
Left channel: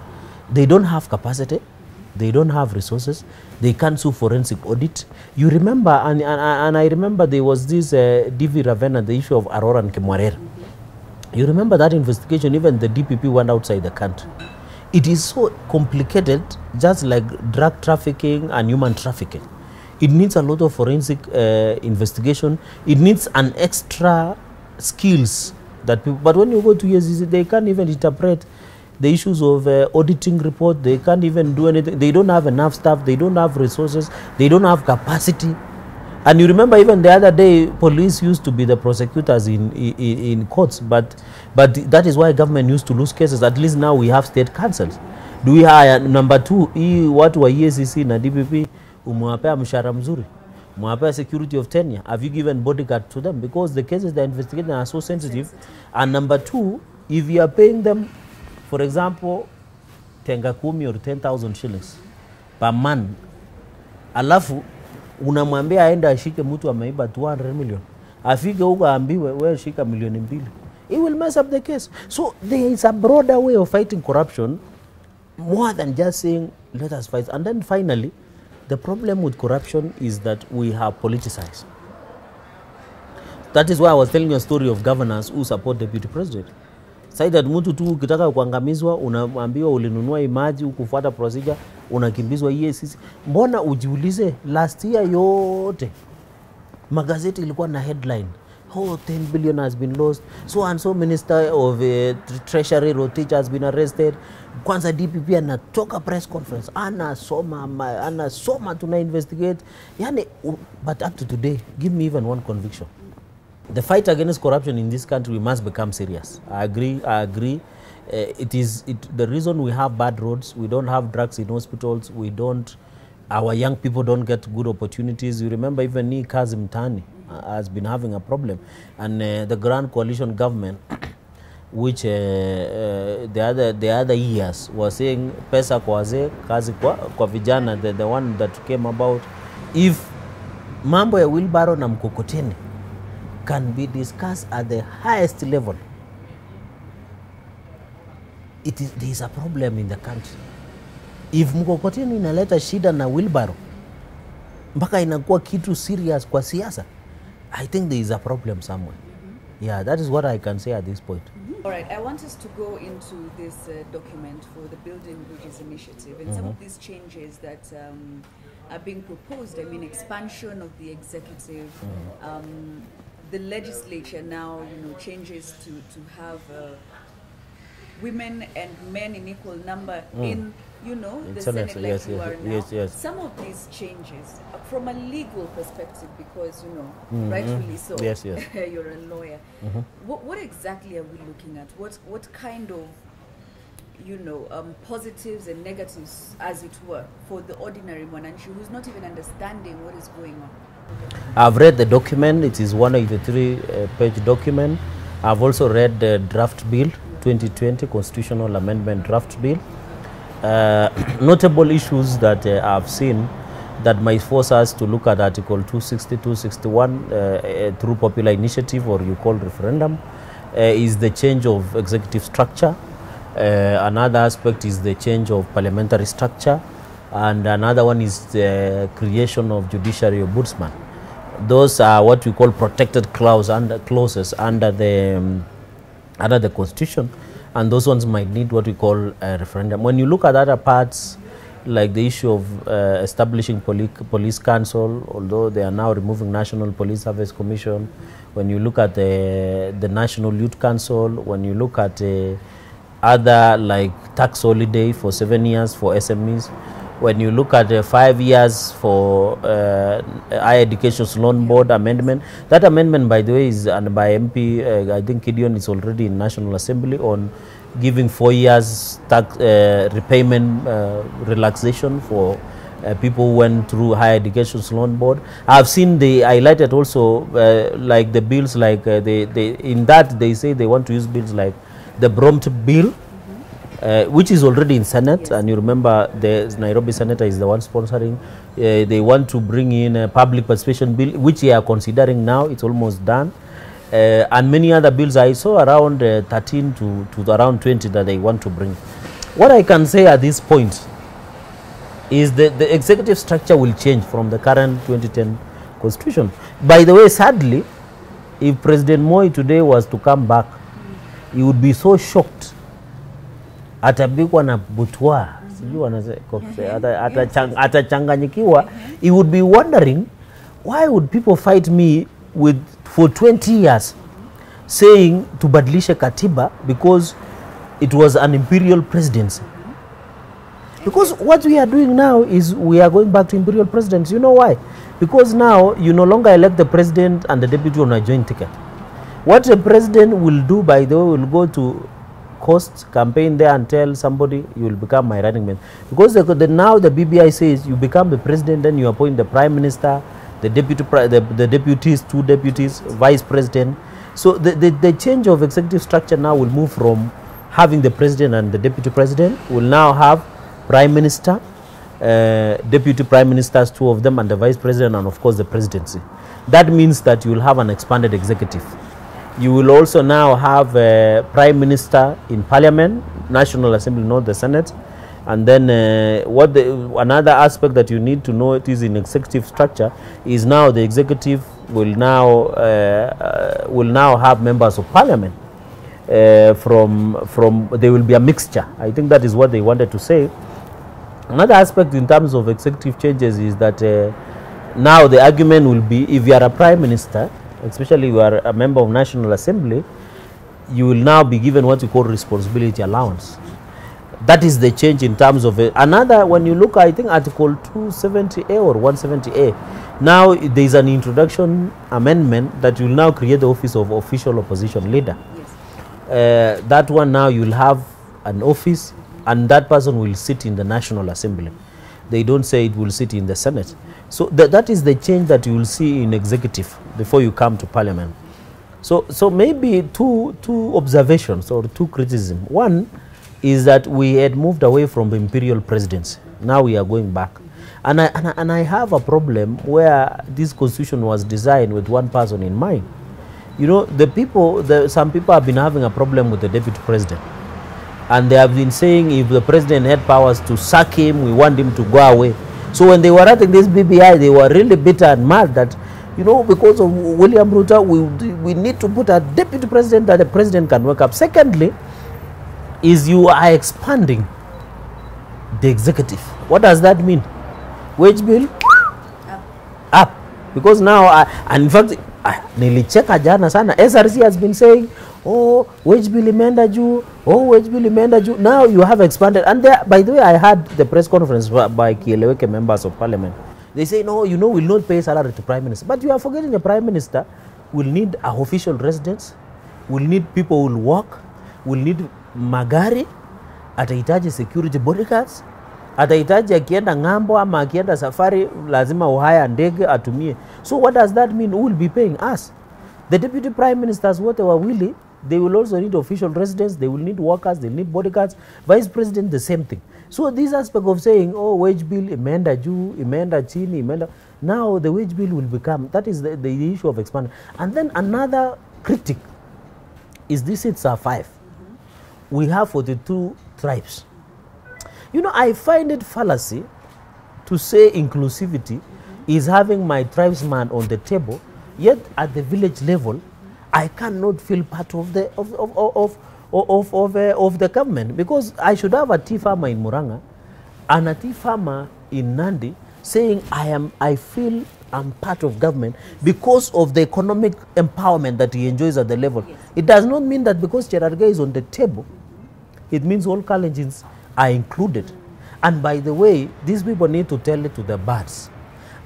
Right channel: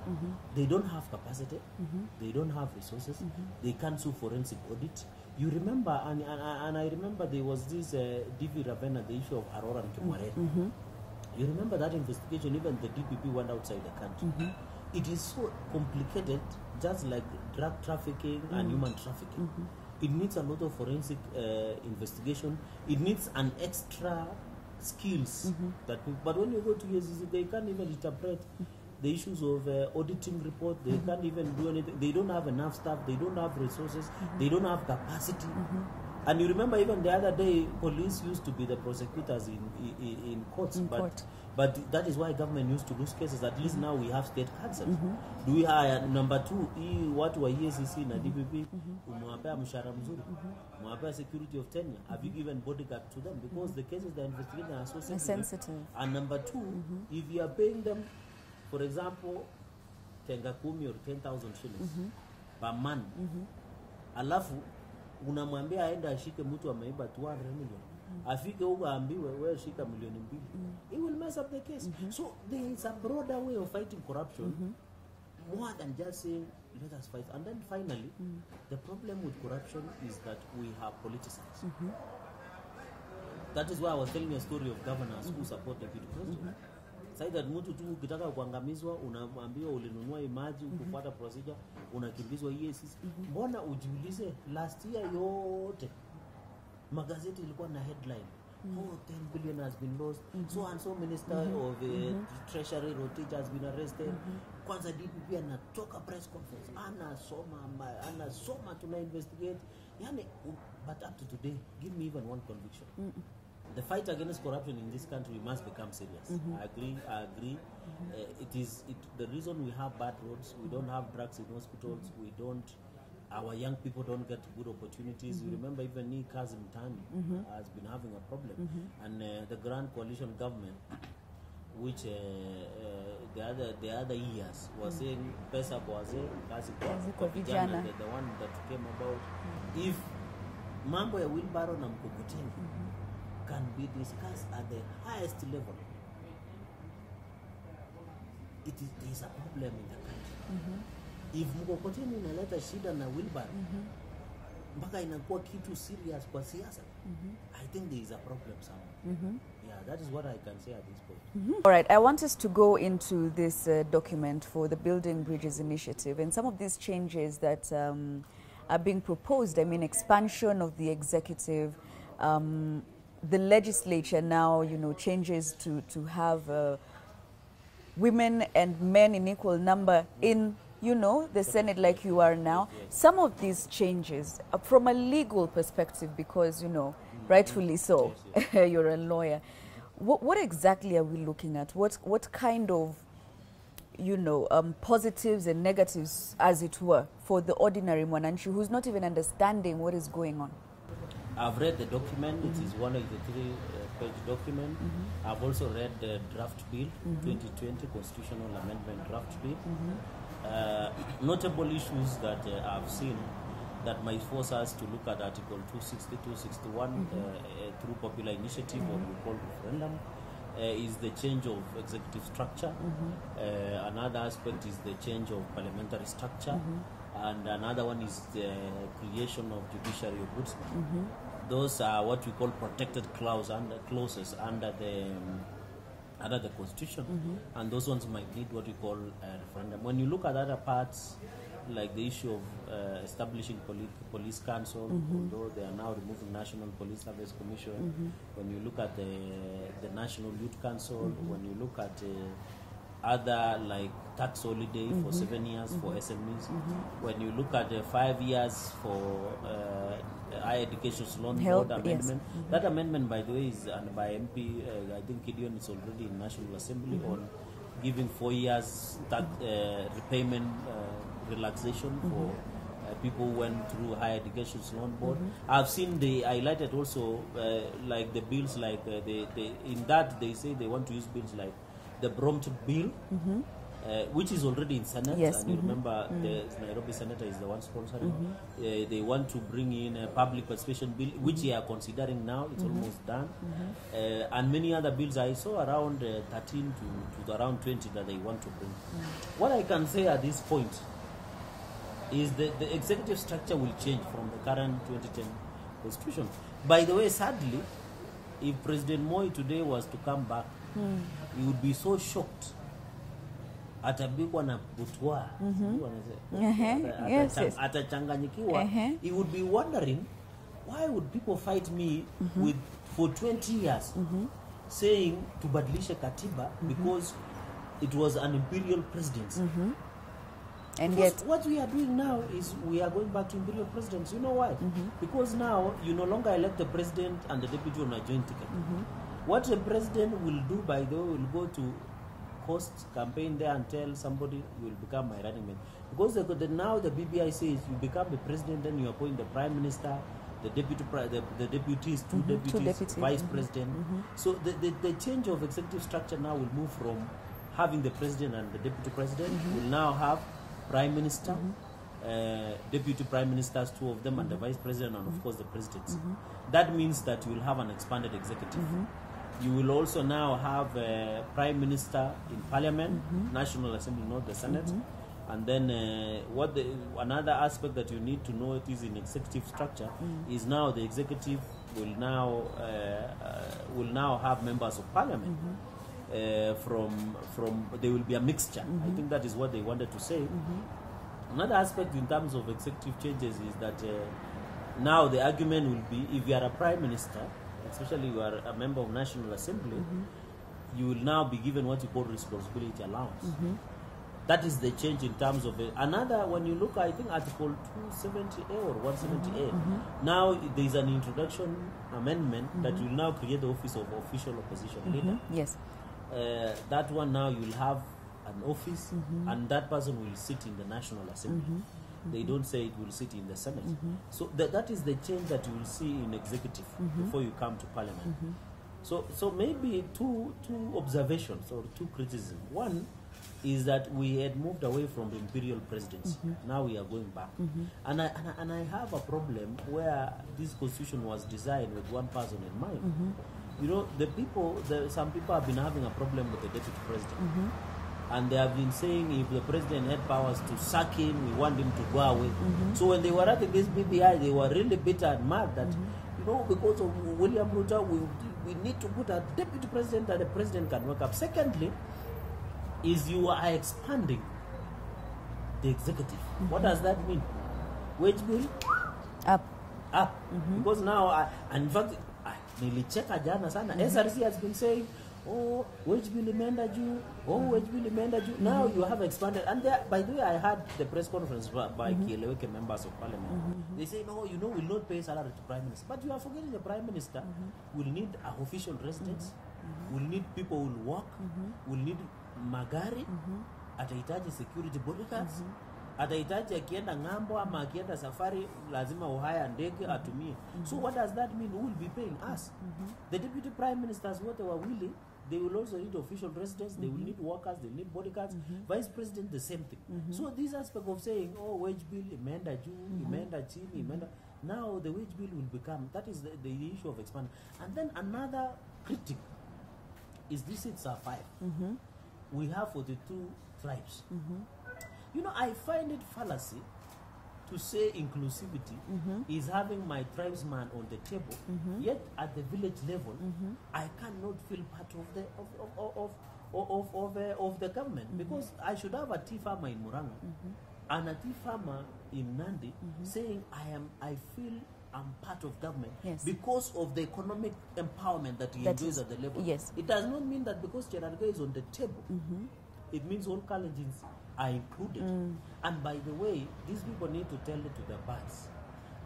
they don't have capacity, they don't have resources, they can't do forensic audit. You remember, and I remember there was this DV Ravenna, the issue of Aurora and Kemwarere. You remember that investigation, even the DPP went outside the country. It is so complicated, just like drug trafficking and human trafficking. It needs a lot of forensic investigation. It needs an extra skills that people, but when you go to EACC, they can't even interpret the issues of auditing report. They can't even do anything. They don't have enough staff. They don't have resources. They don't have capacity. And you remember even the other day, police used to be the prosecutors in courts, but that is why government used to lose cases. At least now we have state councils. Do we hire? Number two, watu wa EACC na DPP, umewapea mshahara mzuri, umewapea security of tenure. Have you given bodyguard to them? Because the cases they're investigating are so sensitive. And number two, if you are paying them, for example, tenga kumi or 10,000 shillings per month, alafu unamwambia aenda ashike mtu ameiba 200 million, afike huko aambiwe wewe shika milioni 2, it will mess up the case. So there is a broader way of fighting corruption, more than just saying let us fight. And then finally, the problem with corruption is that we have politicized. That is why I was telling you a story of governors who support deputy president. Say that mtu tu ukitaka kuangamizwa unaambiwa ulinunua imaji, ukufuata procedure, unakimbizwa EACC. Mbona ujiulize, last year yote magazeti ilikuwa na headline, oh 10 billion has been lost, so and so minister of treasury Rotich has been arrested. Kwanza DPP anatoka press conference, anasoma tuna investigate. Yani, but up to today, give me even one conviction. The fight against corruption in this country must become serious. I agree. The reason we have bad roads, we don't have drugs in hospitals, our young people don't get good opportunities. You remember even Kazim Tani has been having a problem. And the Grand Coalition government, which the other years was saying pesa kwa wazee, kazi kwa vijana, the one that came about. If mambo ya wheelbarrow na mkokoteni can be discussed at the highest level, there is a problem in the country. If mkokoteni inaleta shida na wheelbarrow mpaka inakuwa kitu serious kwa siasa, I think there is a problem somewhere. Yeah, that is what I can say at this point. All right, I want us to go into this document for the Building Bridges Initiative and some of these changes that are being proposed. I mean, expansion of the executive, the legislature now, changes to have women and men in equal number in the Senate like yes, you are now. Yes. Some of these changes from a legal perspective, because, rightfully so, yes. You're a lawyer. What exactly are we looking at? What kind of, positives and negatives, as it were, for the ordinary Mwananchi who's not even understanding what is going on? I've read the document. It is 183-page document. I've also read the draft bill, 2020 Constitutional Amendment Draft Bill. Notable issues that I've seen that might force us to look at Article 260, 261 through popular initiative, or you call referendum, is the change of executive structure. Another aspect is the change of parliamentary structure, and another one is the creation of judiciary ombudsman. Those are what we call protected clauses under the Constitution. And those ones might need what we call a referendum. When you look at other parts, like the issue of establishing police council, although they are now removing National Police Service Commission. When you look at the National Youth Council, when you look at other like tax holiday for 7 years for SMEs, when you look at 5 years for higher education loan board amendment, that amendment, by the way, is by MP, I think Gideon is already in National Assembly on giving 4 years tax repayment relaxation for people who went through higher education loan board. I've seen they highlighted also like the bills, like in that they say they want to use bills like the Brompt bill, which is already in Senate, yes. And you remember the Nairobi senator is the one sponsoring. They want to bring in a public participation bill, which they are considering now. It's almost done. And many other bills. I saw around 13 to around 20 that they want to bring. What I can say at this point is that the executive structure will change from the current 2010 constitution. By the way, sadly, if President Moi today was to come back, he would be so shocked. Atapigwa na butwa, atachanganyikiwa. He would be wondering, why would people fight me for 20 years saying tubadilishe katiba because it was an imperial presidency? Because what we are doing now is we are going back to imperial presidents. You know why? Because now you no longer elect the president and the deputy on a joint ticket. What the president will do, by the way, will go to Coast campaign there and tell somebody you will become my running mate. Because now the BBI says you become the president, then you appoint the prime minister, the deputies, two deputies, vice president. So the change of executive structure now will move from having the president and the deputy president. Will now have prime minister, deputy prime ministers, two of them, and the vice president, and of course the presidency. That means that you will have an expanded executive. You will also now have a prime minister in parliament, National Assembly, not the Senate. And then another aspect that you need to know it is in executive structure is now the executive will now have members of parliament. There will be a mixture. I think that is what they wanted to say. Another aspect in terms of executive changes is that now the argument will be, if you are a prime minister, especially you are a member of National Assembly, you will now be given what you call responsibility allowance. That is the change in terms of another. When you look, I think Article 270A or 170A, now there is an introduction amendment that will now create the office of official opposition leader. Yes. That one now you'll have an office, and that person will sit in the National Assembly. They don't say it will sit in the Senate. So that is the change that you will see in executive before you come to parliament. So maybe two observations or two criticisms. One is that we had moved away from the imperial presidency. Now we are going back. And I have a problem where this constitution was designed with one person in mind. You know, some people have been having a problem with the deputy president. And they have been saying if the president had powers to sack him, we want him to go away. So when they were writing this BBI, they were really bitter and mad that, you know, because of William Ruto, we need to put a deputy president that the president can wake up. Secondly, is you are expanding the executive. What does that mean? Wage bill? Up. Because now, and in fact, nilicheka jana sana, SRC has been saying, oh, wage bill imeenda juu, oh, wage bill imeenda juu. Now you have expanded. And there, by the way, I had the press conference by Kieleweke members of parliament. They say, no, you know, we'll not pay salary to prime minister. But you are forgetting the prime minister will need an official residence, will need people who will work, will need magari, atahitaji security bodyguards, atahitaji akienda ngambo ama akienda safari, lazima uhaya ndege atumie. So what does that mean? Who will be paying us? The deputy prime ministers, what they were willing, they will also need official residence, they will need workers, they will need bodyguards. Vice president, the same thing. So this aspect of saying, oh, wage bill, imeenda juu, imeenda chini, imeenda, now the wage bill will become, that is the issue of expanding. And then another critic is these seats are 5. We have 42 tribes. You know, I find it fallacy to say inclusivity is having my tribesman on the table, yet at the village level, I cannot feel part of the of the government, because I should have a tea farmer in Muranga, an Ati farmer in Nandi saying, I feel I'm part of government because of the economic empowerment that he enjoys at the level. It does not mean that because Cherargei is on the table, it means all Kalenjins are included. And by the way, these people need to tell it to the birds.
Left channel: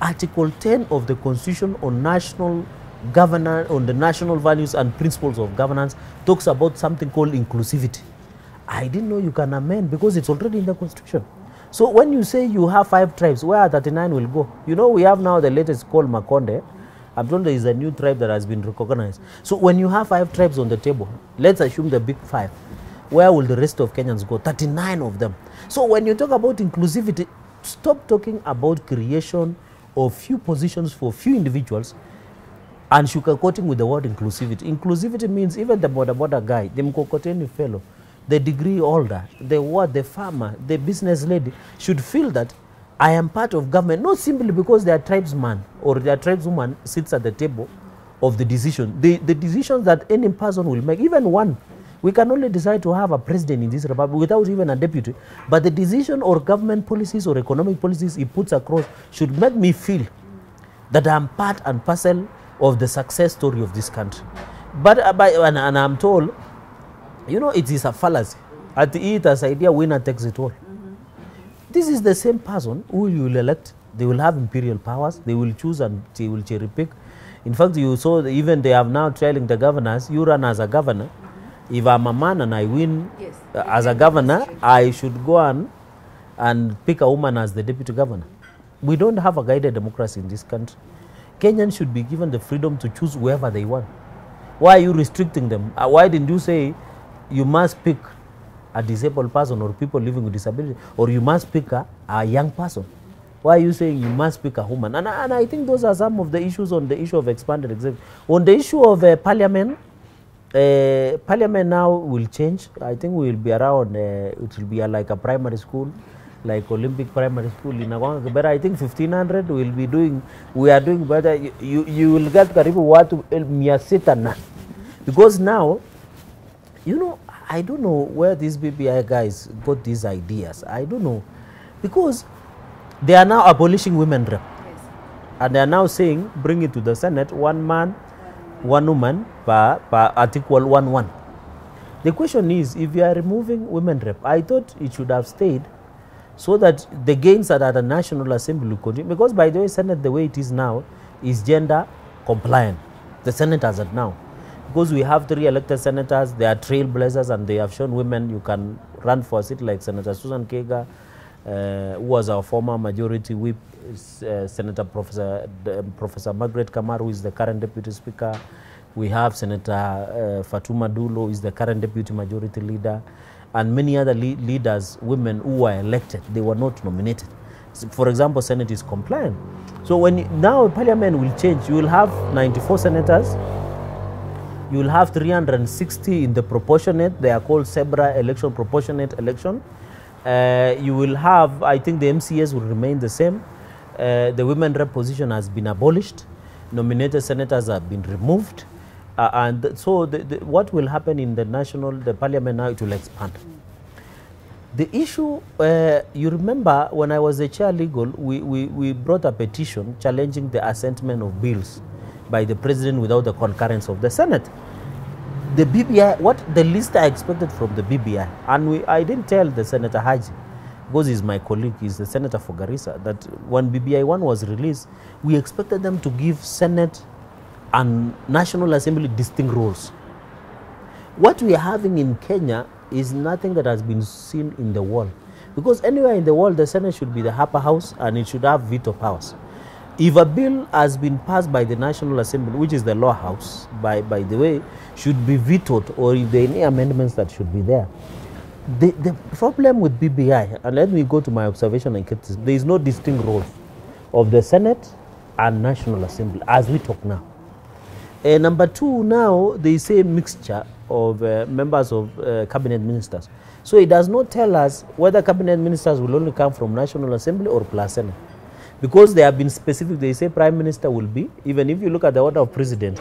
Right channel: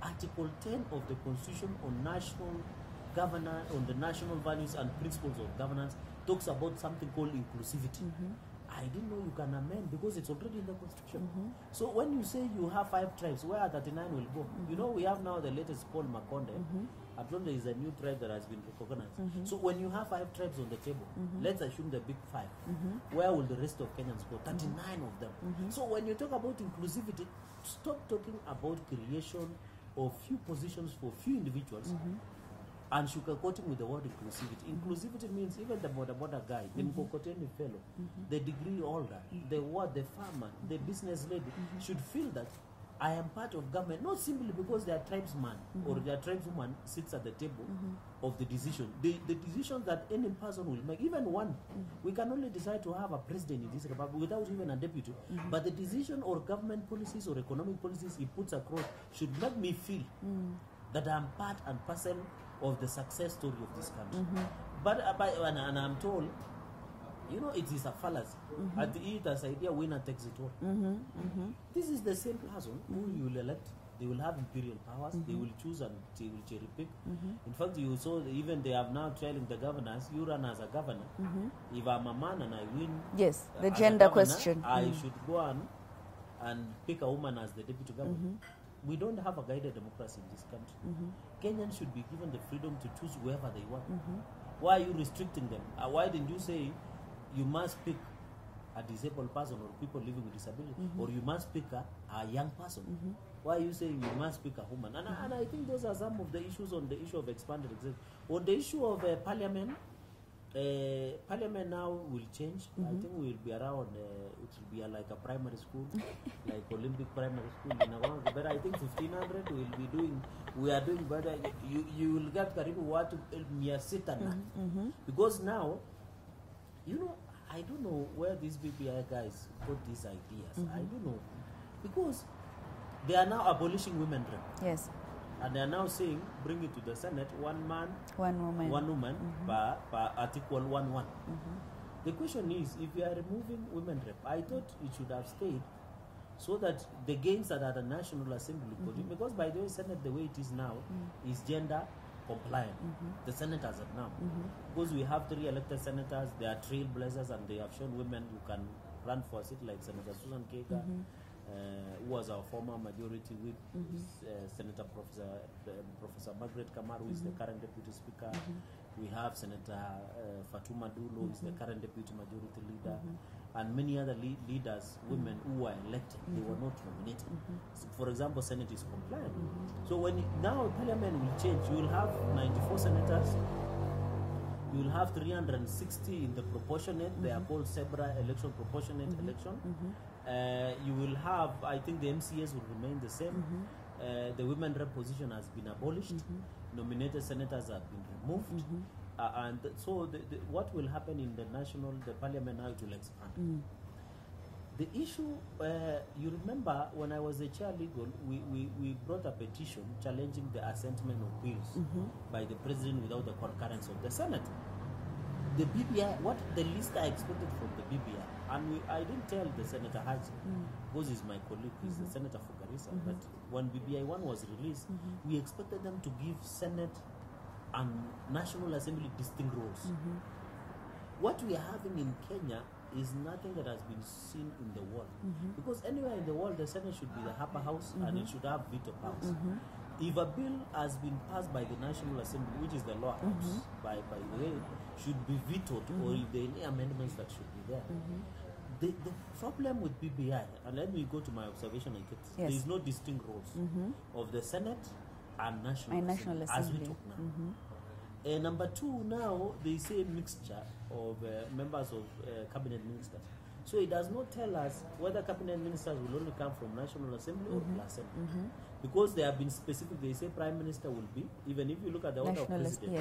Article 10 of the Constitution on national governance, on the national values and principles of governance, talks about something called inclusivity. I didn't know you can amend because it's already in the Constitution. So when you say you have 5 tribes, where 39 will go? You know, we have now the latest called Makonde. I'm told there is a new tribe that has been recognized. So when you have 5 tribes on the table, let's assume the big 5, where will the rest of Kenyans go? 39 of them. So when you talk about inclusivity, stop talking about creation of few positions for few individuals and sugarcoating with the word inclusivity. Inclusivity means even the border guy, the mkokoteni fellow, the degree holder, the farmer, the business lady should feel that I am part of government, not simply because their tribesman or their tribeswoman sits at the table of the decision. The decisions that any person will make, even one, we can only decide to have a president in this republic without even a deputy. But the decision or government policies or economic policies he puts across should make me feel that I am part and parcel of the success story of this country. But and I'm told, you know, it is a fallacy. At the ETA's idea, winner takes it all. This is the same person who you will elect. They will have imperial powers. They will choose and they will cherry pick. In fact, you saw even they have now trailing the governors. You run as a governor. If I'm a man and I win as a governor, I should go and pick a woman as the deputy governor. We don't have a guided democracy in this country. Kenyans should be given the freedom to choose whoever they want. Why are you restricting them? Why didn't you say you must pick a disabled person or people living with disability, or you must pick a young person? Why are you saying you must pick a woman? And I think those are some of the issues on the issue of expanded executive. On the issue of parliament, parliament now will change. I think we will be around, it will be like a primary school, like Olympic primary school in Agwanga. But I think 1500 will be doing, we are doing better. You will get karibu watu mia sita na. Because now, you know, I don't know where these BBI guys got these ideas. I don't know. Because they are now abolishing women rep. Yes. And they are now saying, bring it to the Senate, one man, one woman per Article 1:1. The question is, if you are removing women rep, I thought it should have stayed so that the gains that are at the National Assembly will continue. Because by the way, Senate, the way it is now, is gender compliant. The Senate as at now. Because we have 3 elected senators, they are trailblazers, and they have shown women you can run for a seat, like Senator Susan Kega, who was our former majority whip, Senator Professor Margaret Kamaru, who is the current deputy speaker. We have Senator Fatuma Dulo, who is the current deputy majority leader, and many other leaders, women who were elected, they were not nominated. So, for example, Senate is compliant. So now Parliament will change. You will have 94 senators. You will have 360 in the proportionate. They are called SEBRA election, proportionate election. You will have, I think the MCAs will remain the same. The women rep position has been abolished. Nominated senators have been removed. And so what will happen in the parliament now, it will expand. The issue, you remember when I was the chair legal, we brought a petition challenging the assentment of bills by the president without the concurrence of the Senate. The BBI, what the least I expected from the BBI, and I didn't tell the Senator Haji, because he's my colleague, he's the senator for Garissa, that when BBI 1 was released, we expected them to give Senate and National Assembly distinct roles. What we are having in Kenya is nothing that has been seen in the world. Because anywhere in the world, the Senate should be the upper house and it should have veto powers. If a bill has been passed by the National Assembly, which is the lower house, by the way, should be vetoed, or if there are any amendments that should be there. The problem with BBI, and let me go to my observation and get this, there is no distinct roles of the Senate and National Assembly as we talk now. Number 2, now they say mixture of members of cabinet ministers. So it does not tell us whether cabinet ministers will only come from National Assembly or plus Senate. Because they have been specific, they say Prime Minister will be, even if you look at the order of President,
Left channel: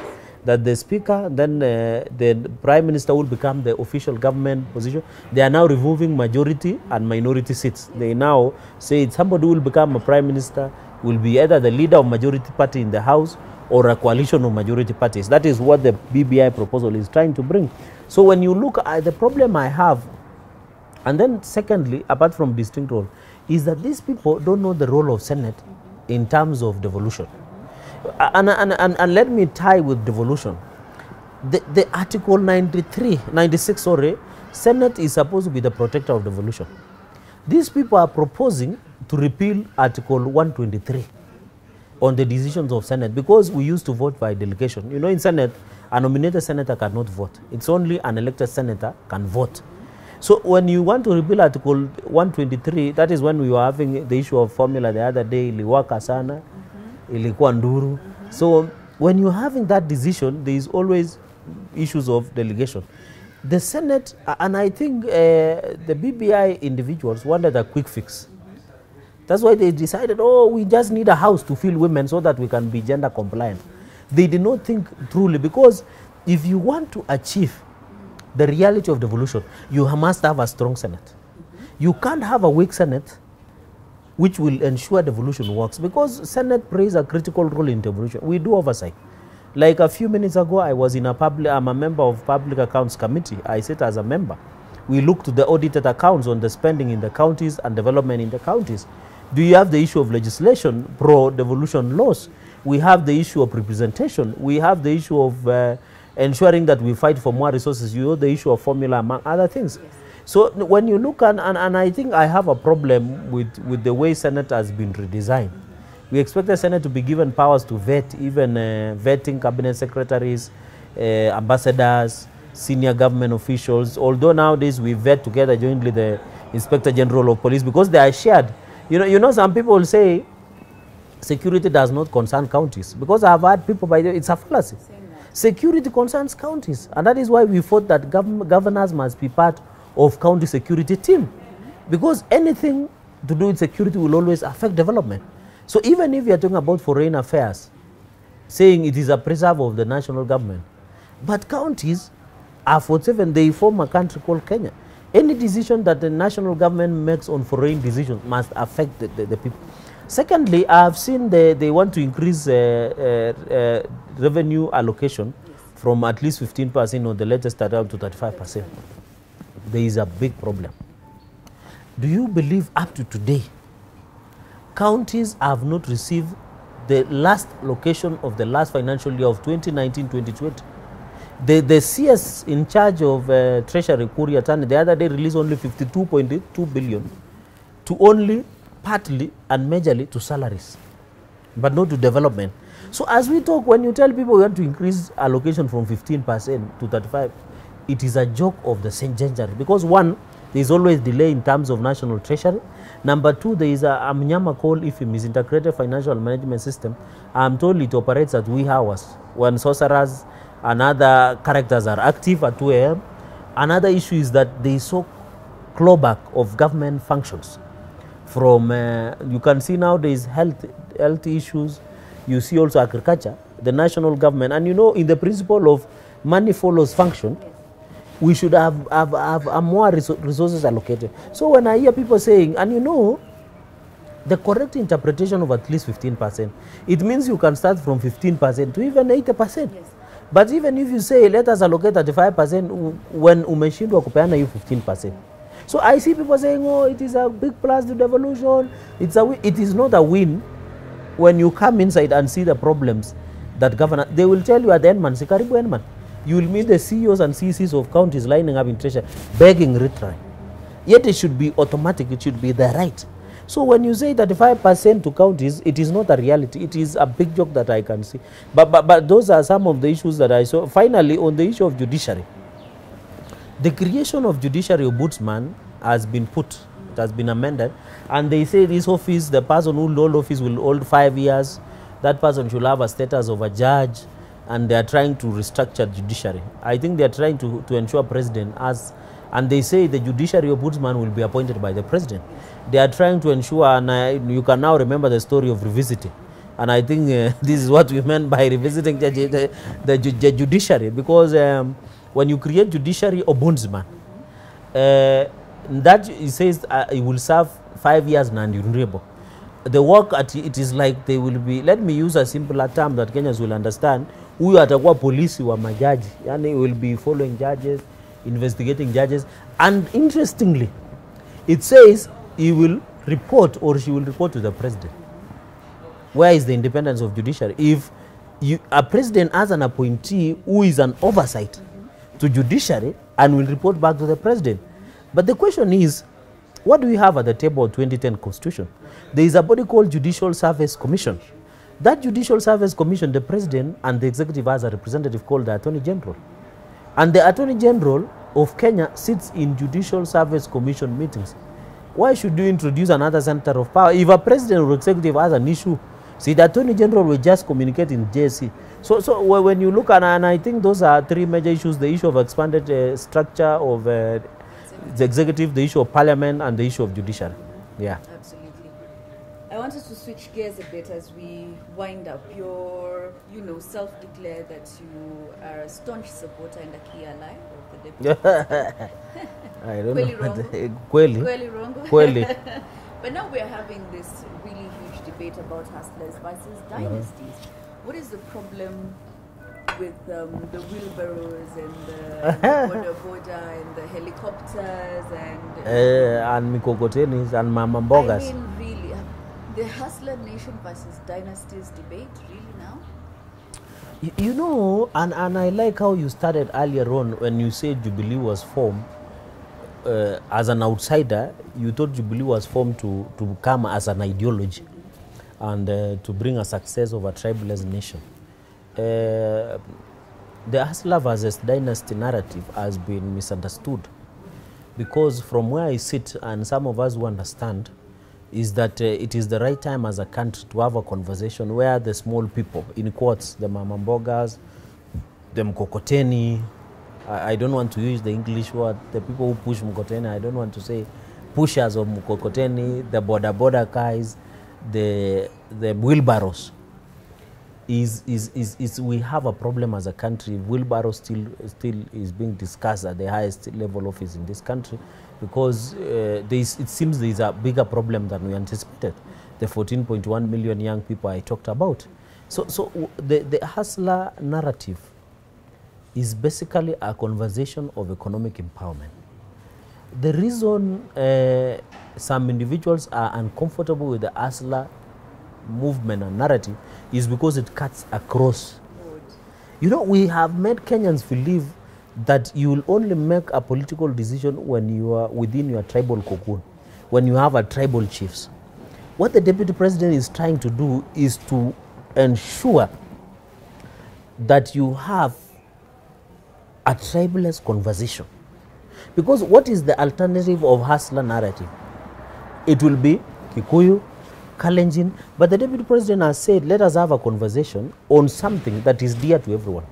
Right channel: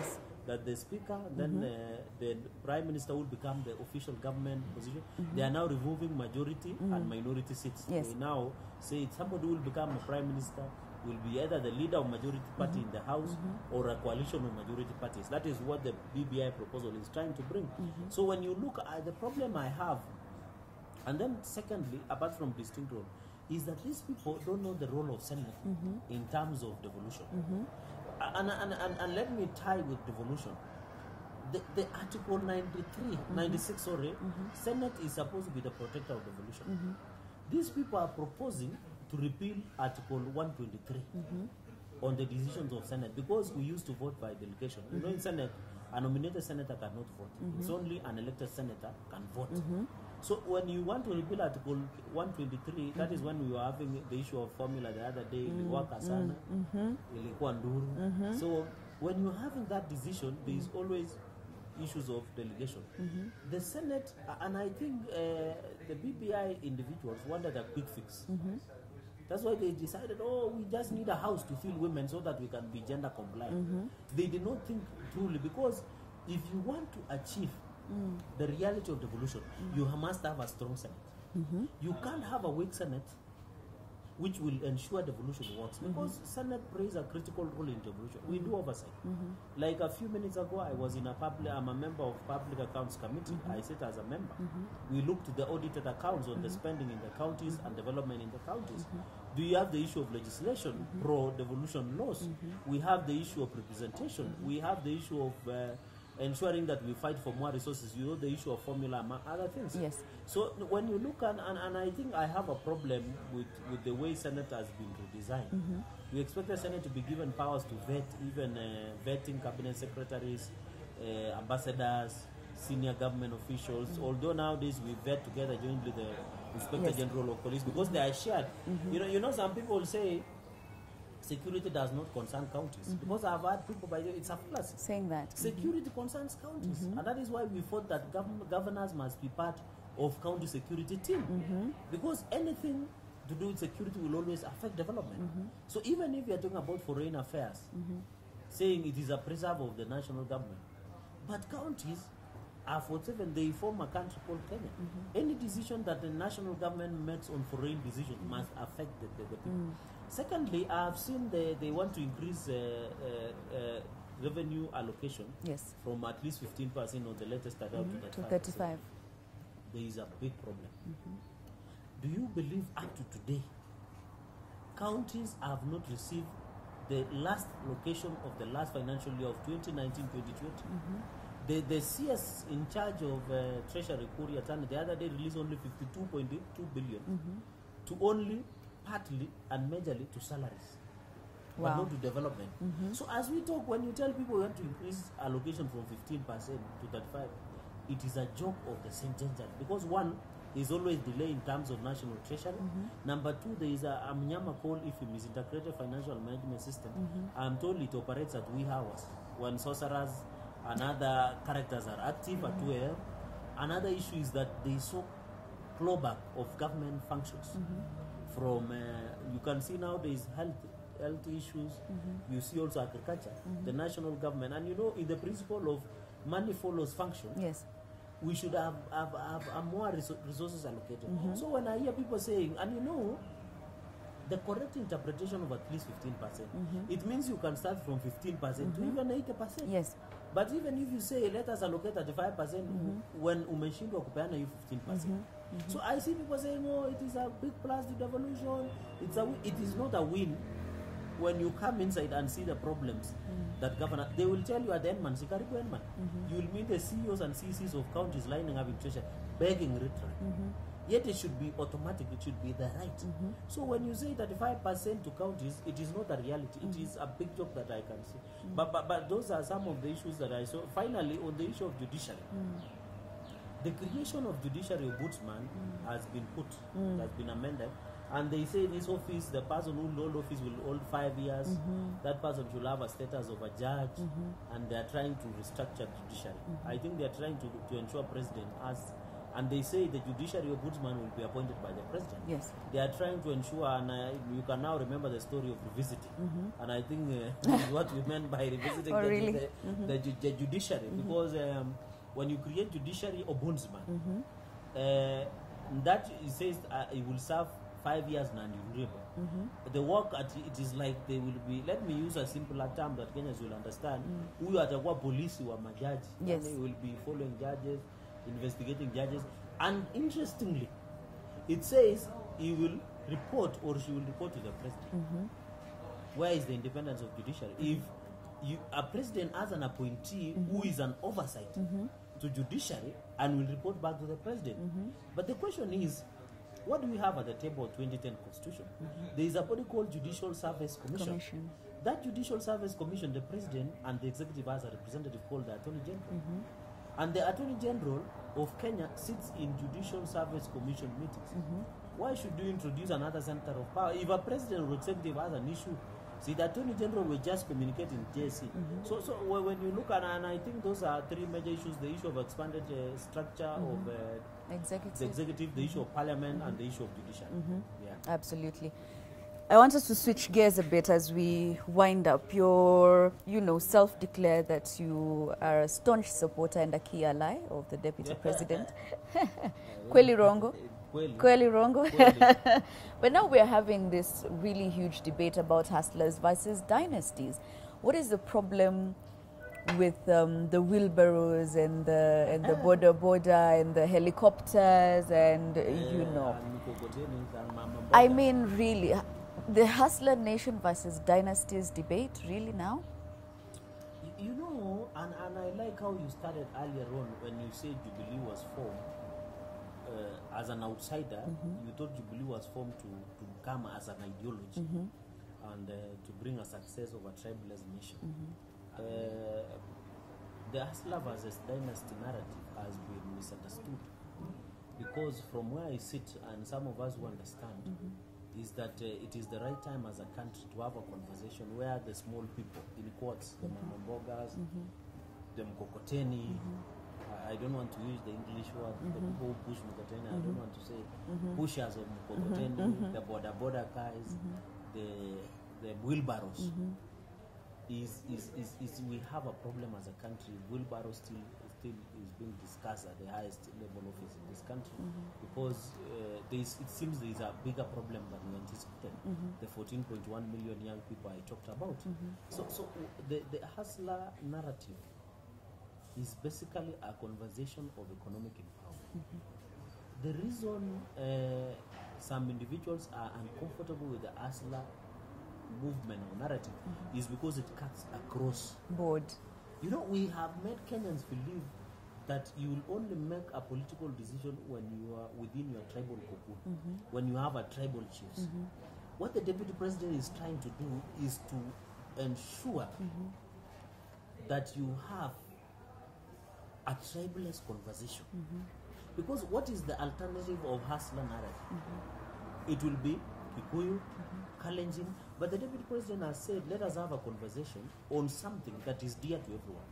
that the speaker, then the prime minister will become the official government position. They are now removing majority and minority seats. Yes. They now say somebody who will become a prime minister will be either the leader of majority party in the house or a coalition of majority parties. That is what the BBI proposal is trying to bring. So when you look at the problem I have, and then secondly, apart from distinct role, is that these people don't know the role of Senate in terms of devolution. And let me tie with devolution. The Article 96, Senate is supposed to be the protector of devolution. These people are proposing to repeal Article 123 on the decisions of Senate, because we used to vote by delegation. You know, in Senate, a nominated senator cannot vote. It's only an elected senator can vote. So when you want to repeal Article 123, that is when we were having the issue of formula the other day, iliwaka sana, ilikuwa nduru. So when you're having that decision, there is always issues of delegation. The Senate, and I think the BBI individuals wanted a quick fix. That's why they decided, oh, we just need a house to fill women so that we can be gender compliant. They did not think truly, because if you want to achieve the reality of devolution, you must have a strong Senate. You can't have a weak Senate which will ensure devolution works, because Senate plays a critical role in devolution. We do oversight. Like a few minutes ago, I'm a member of Public Accounts Committee. I sit as a member. We look to the audited accounts on the spending in the counties and development in the counties. Do you have the issue of legislation, pro-devolution laws? We have the issue of representation. We have the issue of ensuring that we fight for more resources. You know, the issue of formula, among other things. Yes. So when you look, and I think I have a problem with the way Senate has been redesigned. We expect the Senate to be given powers to vet, even vetting cabinet secretaries, ambassadors, senior government officials. Although nowadays we vet together jointly the Inspector General of Police, because they are shared. You know, some people say security does not concern counties, because I have had people by the way, it's a fallacy. Security concerns counties, and that is why we thought that governors must be part of county security team, because anything to do with security will always affect development. So even if you are talking about foreign affairs, saying it is a preserve of the national government, but counties are 47, they form a country called Kenya. Any decision that the national government makes on foreign decisions must affect the people. Secondly, I have seen they want to increase revenue allocation from at least 15% on the latest start up to 35%. There is a big problem. Do you believe up to today, counties have not received the last location of the last financial year of 2019-2020? The CS in charge of Treasury, Kuria Tani, the other day released only 52.2 billion to only partly and majorly to salaries, but not to development. So as we talk, when you tell people we want to increase allocation from 15% to 35%, it is a joke of the century, because one, there is always delay in terms of national treasury. Number two, there is a Mnyama called IFIM, Integrated Financial Management System. I'm told it operates at wee hours when sorcerers and other characters are active at 2 a.m. Another issue is that there is so clawback of government functions. From, you can see now there is health issues, you see also agriculture, the national government, and you know, in the principle of money follows function, we should have more resources allocated. So when I hear people saying, and you know, the correct interpretation of at least 15%, it means you can start from 15% to even 80%. Yes. But even if you say, let us allocate 35%, when umeshindwa kupeana you 15%. So I see people saying, oh, it is a big plus to devolution. It is not a win when you come inside and see the problems that governor, they will tell you at the end, man, sikaribu end man. You will meet the CEOs and CCs of counties lining up in treasury, begging retry. Yet it should be automatic, it should be the right. So when you say 35% to counties, it is not a reality. It is a big joke that I can see. But those are some of the issues that I saw. Finally, on the issue of judiciary, the creation of judiciary ombudsman has been put, it has been amended, and they say this office, the person who hold office will hold 5 years. That person should have a status of a judge, and they are trying to restructure judiciary. I think they are trying to ensure president has, and they say the judiciary ombudsman will be appointed by the president. Yes. They are trying to ensure, and you can now remember the story of revisiting. And I think this is what we meant by revisiting the judiciary, because when you create judiciary ombudsman, that it says it will serve 5 years non-renewable. The work at it is like they will be, let me use a simpler term that Kenyans will understand, huyu atakuwa polisi wa majaji, yani will be following judges, investigating judges, and interestingly, it says he will report or she will report to the president. Where is the independence of judiciary? If a president has an appointee who is an oversight to judiciary and will report back to the president. But the question is, what do we have at the table of 2010 Constitution? There is a body called Judicial Service Commission. That Judicial Service Commission, the president and the executive has a representative called the Attorney General. And the Attorney General of Kenya sits in Judicial Service Commission meetings. Why should you introduce another center of power? If a president or executive has an issue, see, the Attorney General will just communicate in JSC. So when you look at, and I think those are three major issues, the issue of expanded structure of the executive, the issue of parliament, and the issue of judiciary. Yeah. Absolutely. I want us to switch gears a bit as we wind up. You're, self-declared that you are a staunch supporter and a key ally of the deputy president. I don't Kweli know. Rongo? Kweli Rongo? Kweli. But now we're having this really huge debate about hustlers versus dynasties. What is the problem with the wheelbarrows and the border and the helicopters and mikokotenis and mama mbogas? I mean, really, the hustler nation versus dynasties debate, really now? You know, and I like how you started earlier on when you said Jubilee was formed. As an outsider, you thought Jubilee was formed to come as an ideology and to bring a success of a tribalist nation. The hustler versus dynasty narrative has been misunderstood, because from where I sit, and some of us who understand, is that it is the right time as a country to have a conversation where the small people, in quotes, the mama mbogas, the mkokoteni, I don't want to use the English word, the people who push mkokoteni, I don't want to say pushers of mkokoteni, the border guys, the wheelbarrows. We have a problem as a country. Wheelbarrow still is being discussed at the highest level office in this country, because it seems there is a bigger problem than we anticipated. The 14.1 million young people I talked about. So the hustler narrative is basically a conversation of economic empowerment. The reason some individuals are uncomfortable with the hustler movement and narrative is because it cuts across board. You know, we have made Kenyans believe that you will only make a political decision when you are within your tribal cocoon, when you have a tribal chiefs. What the deputy president is trying to do is to ensure that you have a tribalist conversation. Because what is the alternative of hustler narrative? It will be Kikuyu, Kalenjin, but the deputy president has said, let us have a conversation on something that is dear to everyone.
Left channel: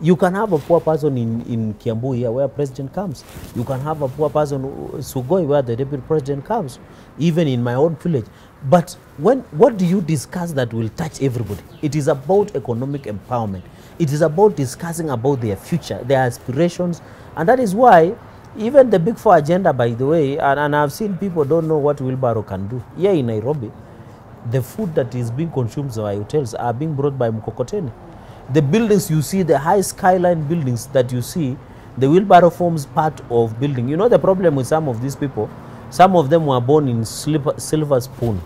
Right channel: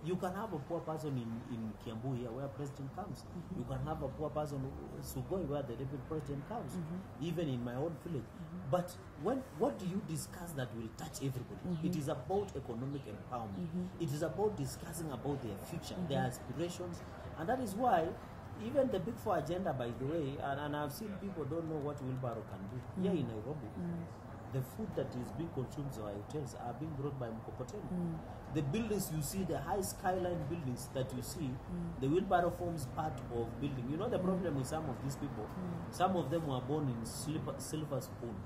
You can have a poor person in Kiambu here where president comes. You can have a poor person in Sugoi where the deputy president comes, even in my own village. But what do you discuss that will touch everybody? It is about economic empowerment. It is about discussing about their future, their aspirations, and that is why even the Big Four agenda, by the way, and I've seen people don't know what wheelbarrow can do. Here in Nairobi, the food that is being consumed by hotels are being brought by mkokoteni. The buildings you see, the high skyline buildings that you see, the wheelbarrow forms part of building. You know the problem with some of these people? Some of them were born in silver spoon.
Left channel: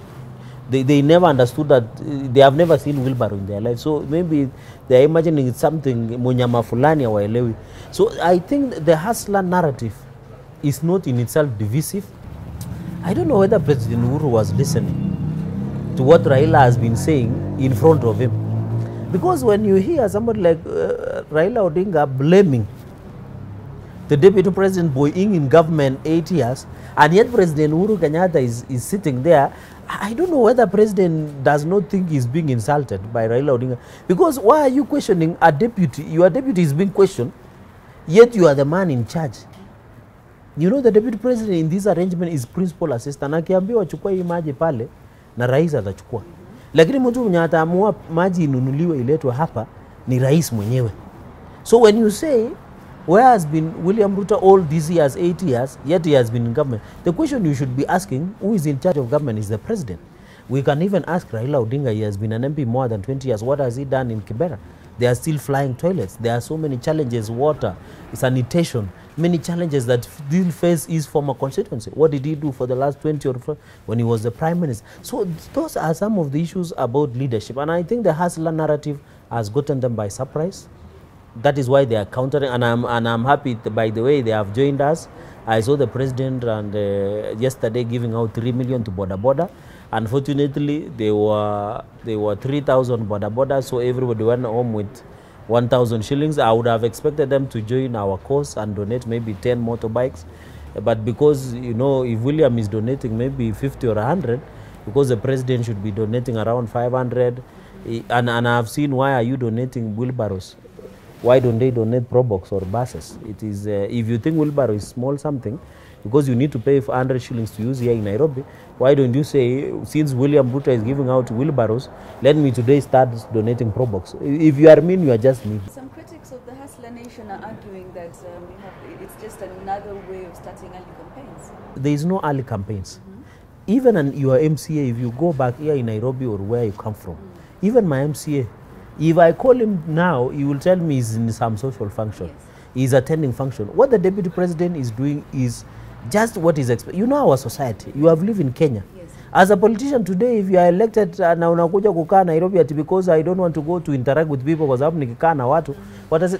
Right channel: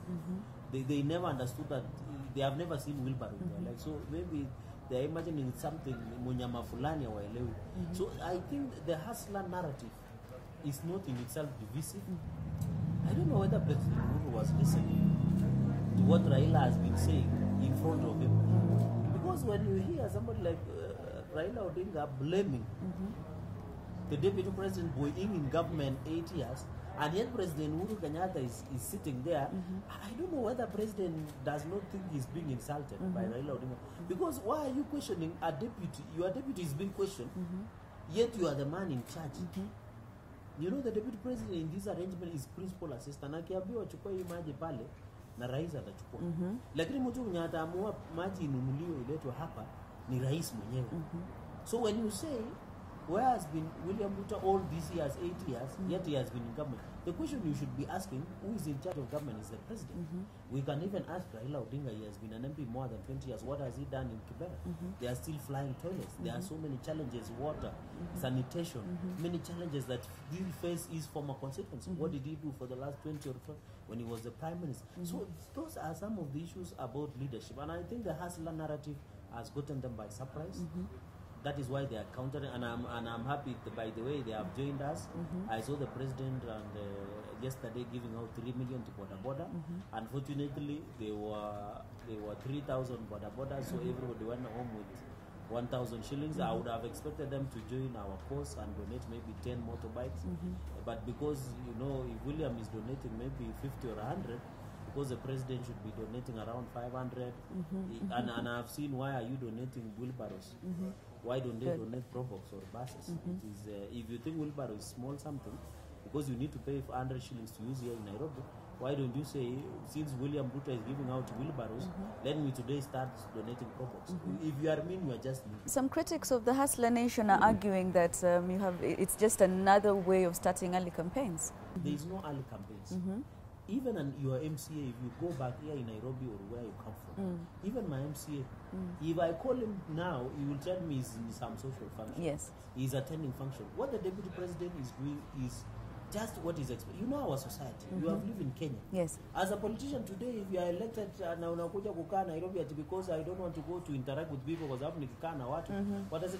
They never understood that, they have never seen wheelbarrow in their life. So maybe they're imagining it's something munyama fulani hawaelewi. So I think the hustler narrative is not in itself divisive. I don't know whether President Uhuru was listening to what Raila has been saying in front of him. Because when you hear somebody like Raila Odinga blaming the deputy president being in government 8 years, and yet President Uhuru Kenyatta is sitting there, I don't know whether president does not think he's being insulted by Raila Odinga. Because why are you questioning a deputy? Your deputy is being questioned, yet you are the man in charge. You know the deputy president in this arrangement is principal assistant. Akiambiwa chukua hii maji pale na rais atachukua. Lakini mtu mwenye ataamua maji inunuliwe iletwe hapa ni rais mwenyewe. So when you say where has been William Ruto all these years, 8 years, yet he has been in government, the question you should be asking, who is in charge of government, is the president. We can even ask Raila Odinga, he has been an MP more than 20 years. What has he done in Kibera? They are still flying toilets. There are so many challenges, water, sanitation, many challenges that still face his former constituency. What did he do for the last 20 or 4 when he was the prime minister? So those are some of the issues about leadership. And I think the hustler narrative has gotten them by surprise. That is why they are countering, and I'm happy, by the way, they have joined us. I saw the president and yesterday giving out 3 million to Boda Boda. Unfortunately, they were 3,000 Boda Boda, so everybody went home with 1,000 shillings. I would have expected them to join our cause and donate maybe 10 motorbikes. But because, you know, if William is donating maybe 50 or 100, because the president should be donating around 500, and I've seen, why are you donating wheelbarrows? Why don't they donate Probox or buses? It is, if you think wheelbarrow is small something, because you need to pay 100 shillings to use here in Nairobi, why don't you say, since William Ruto is giving out wheelbarrows, let me today start donating Probox? If you are mean, you are just mean. Some critics of the Hustler Nation are arguing that it's just another way of starting early campaigns. There is no early campaigns. Even your MCA, if you go back here in Nairobi or where you come from, even my MCA, if I call him now, he will tell me he's in some social function. Yes. He's attending function. What the deputy president is doing is just what is expected. You know our society. You have lived in Kenya. Yes. As a politician today, if you are elected na unakuja kukaa Nairobi ati because I don't want to go to interact with people because hapo nikikaa na watu,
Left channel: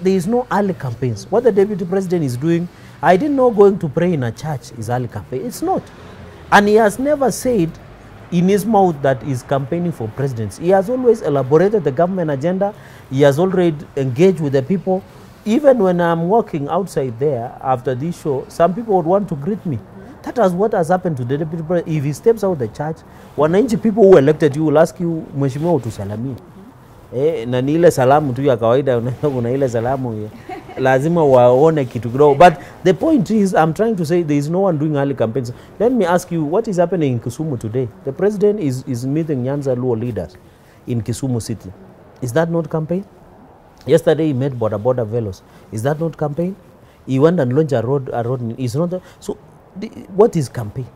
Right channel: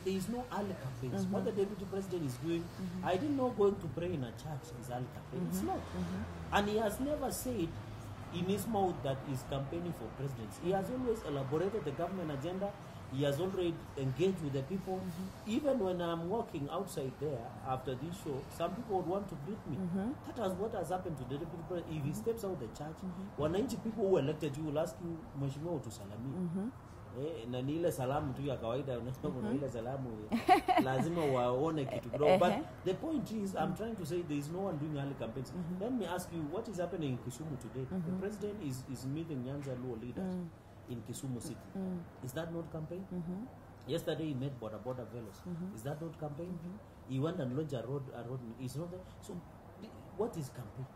there is no early campaigns. What the deputy president is doing, I didn't know going to pray in a church is early campaign. It's not. And he has never said in his mouth that he's campaigning for presidency. He has always elaborated the government agenda. He has already engaged with the people. Even when I'm walking outside there after this show, some people would want to greet me. That is what has happened to the deputy president. If he steps out of the church, wananchi, people who elected you will ask you, mheshimiwa utusalamie. Na ni ile salamu tu ya kawaida, kuna ile salamu lazima waone kitu kidogo. But the point is, I'm trying to say there is no one doing early campaigns. Let me ask you, what is happening in Kisumu today? The president is meeting Nyanza Luo leaders in Kisumu city. Is that not campaign? Yesterday he met Boda Boda Velos. Is that not campaign? He went and launched a road. Is not so. What is campaign?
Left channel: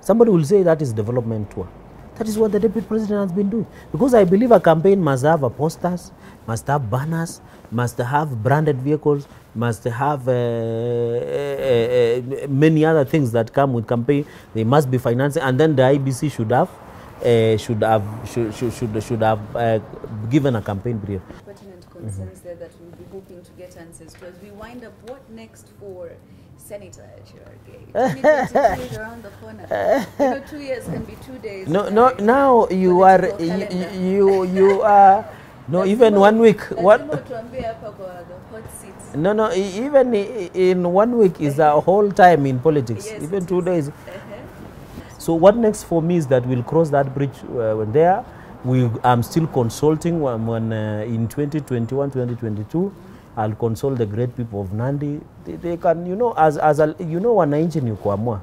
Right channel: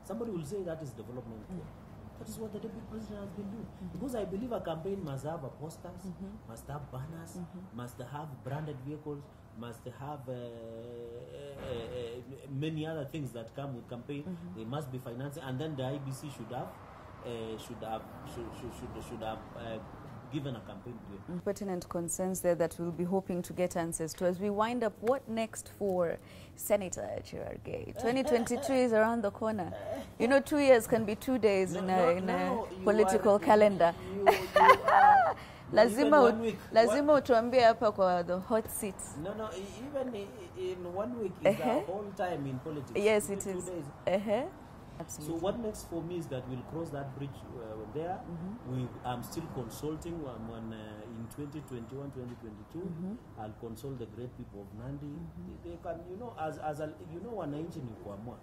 Somebody will say that is development tour. That is what the deputy president has been doing. Because I believe a campaign must have posters, must have banners, must have branded vehicles, must have many other things that come with campaign. They must be financed, and then the IBC should have given a campaign period. Pertinent concerns there that we'll be hoping to get answers to. As we wind up, what next for Senator Cherargei? 2022 is around the corner. You know, 2 years can be 2 days. Now you are you are. No, even 1 week. What? The hot seats. No, even in 1 week is a whole time in politics. Yes, even 2 days. So what next for me is that we'll cross that bridge when there. I'm still consulting when in 2021, 2022, I'll consult the great people of Nandi. They can, you know, as a, you know, wananchi ni kuamua.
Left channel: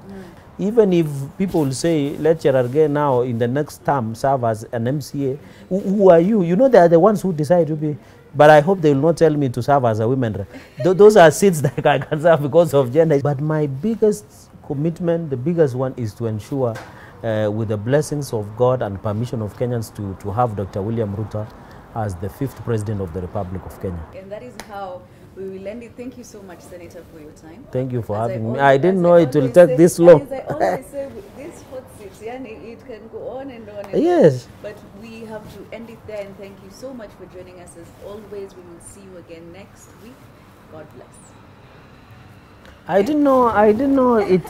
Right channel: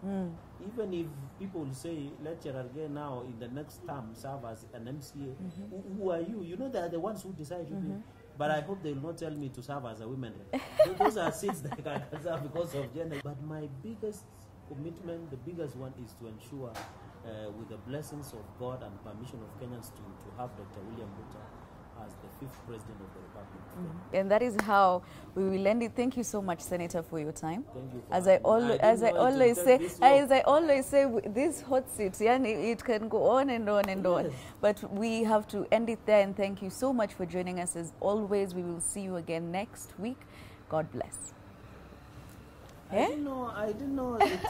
Even if people will say, let Cherargei now in the next term serve as an MCA, who are you? You know, they are the ones who decide to be. But I hope they will not tell me to serve as a women rep. Those are seats that I can serve because of gender. But my biggest commitment, the biggest one, is to ensure, with the blessings of God and permission of Kenyans, to have Dr. William Ruto as the 5th President of the Republic of Kenya. And that is how we will end it. Thank you so much, Senator, for your time. Thank you for having me. I didn't know it will take this long. As I always say, this hot seat, it can go on and on and on. But we have to end it there, and thank you so much for joining us. As always, we will see you again next week. God bless. I didn't know it.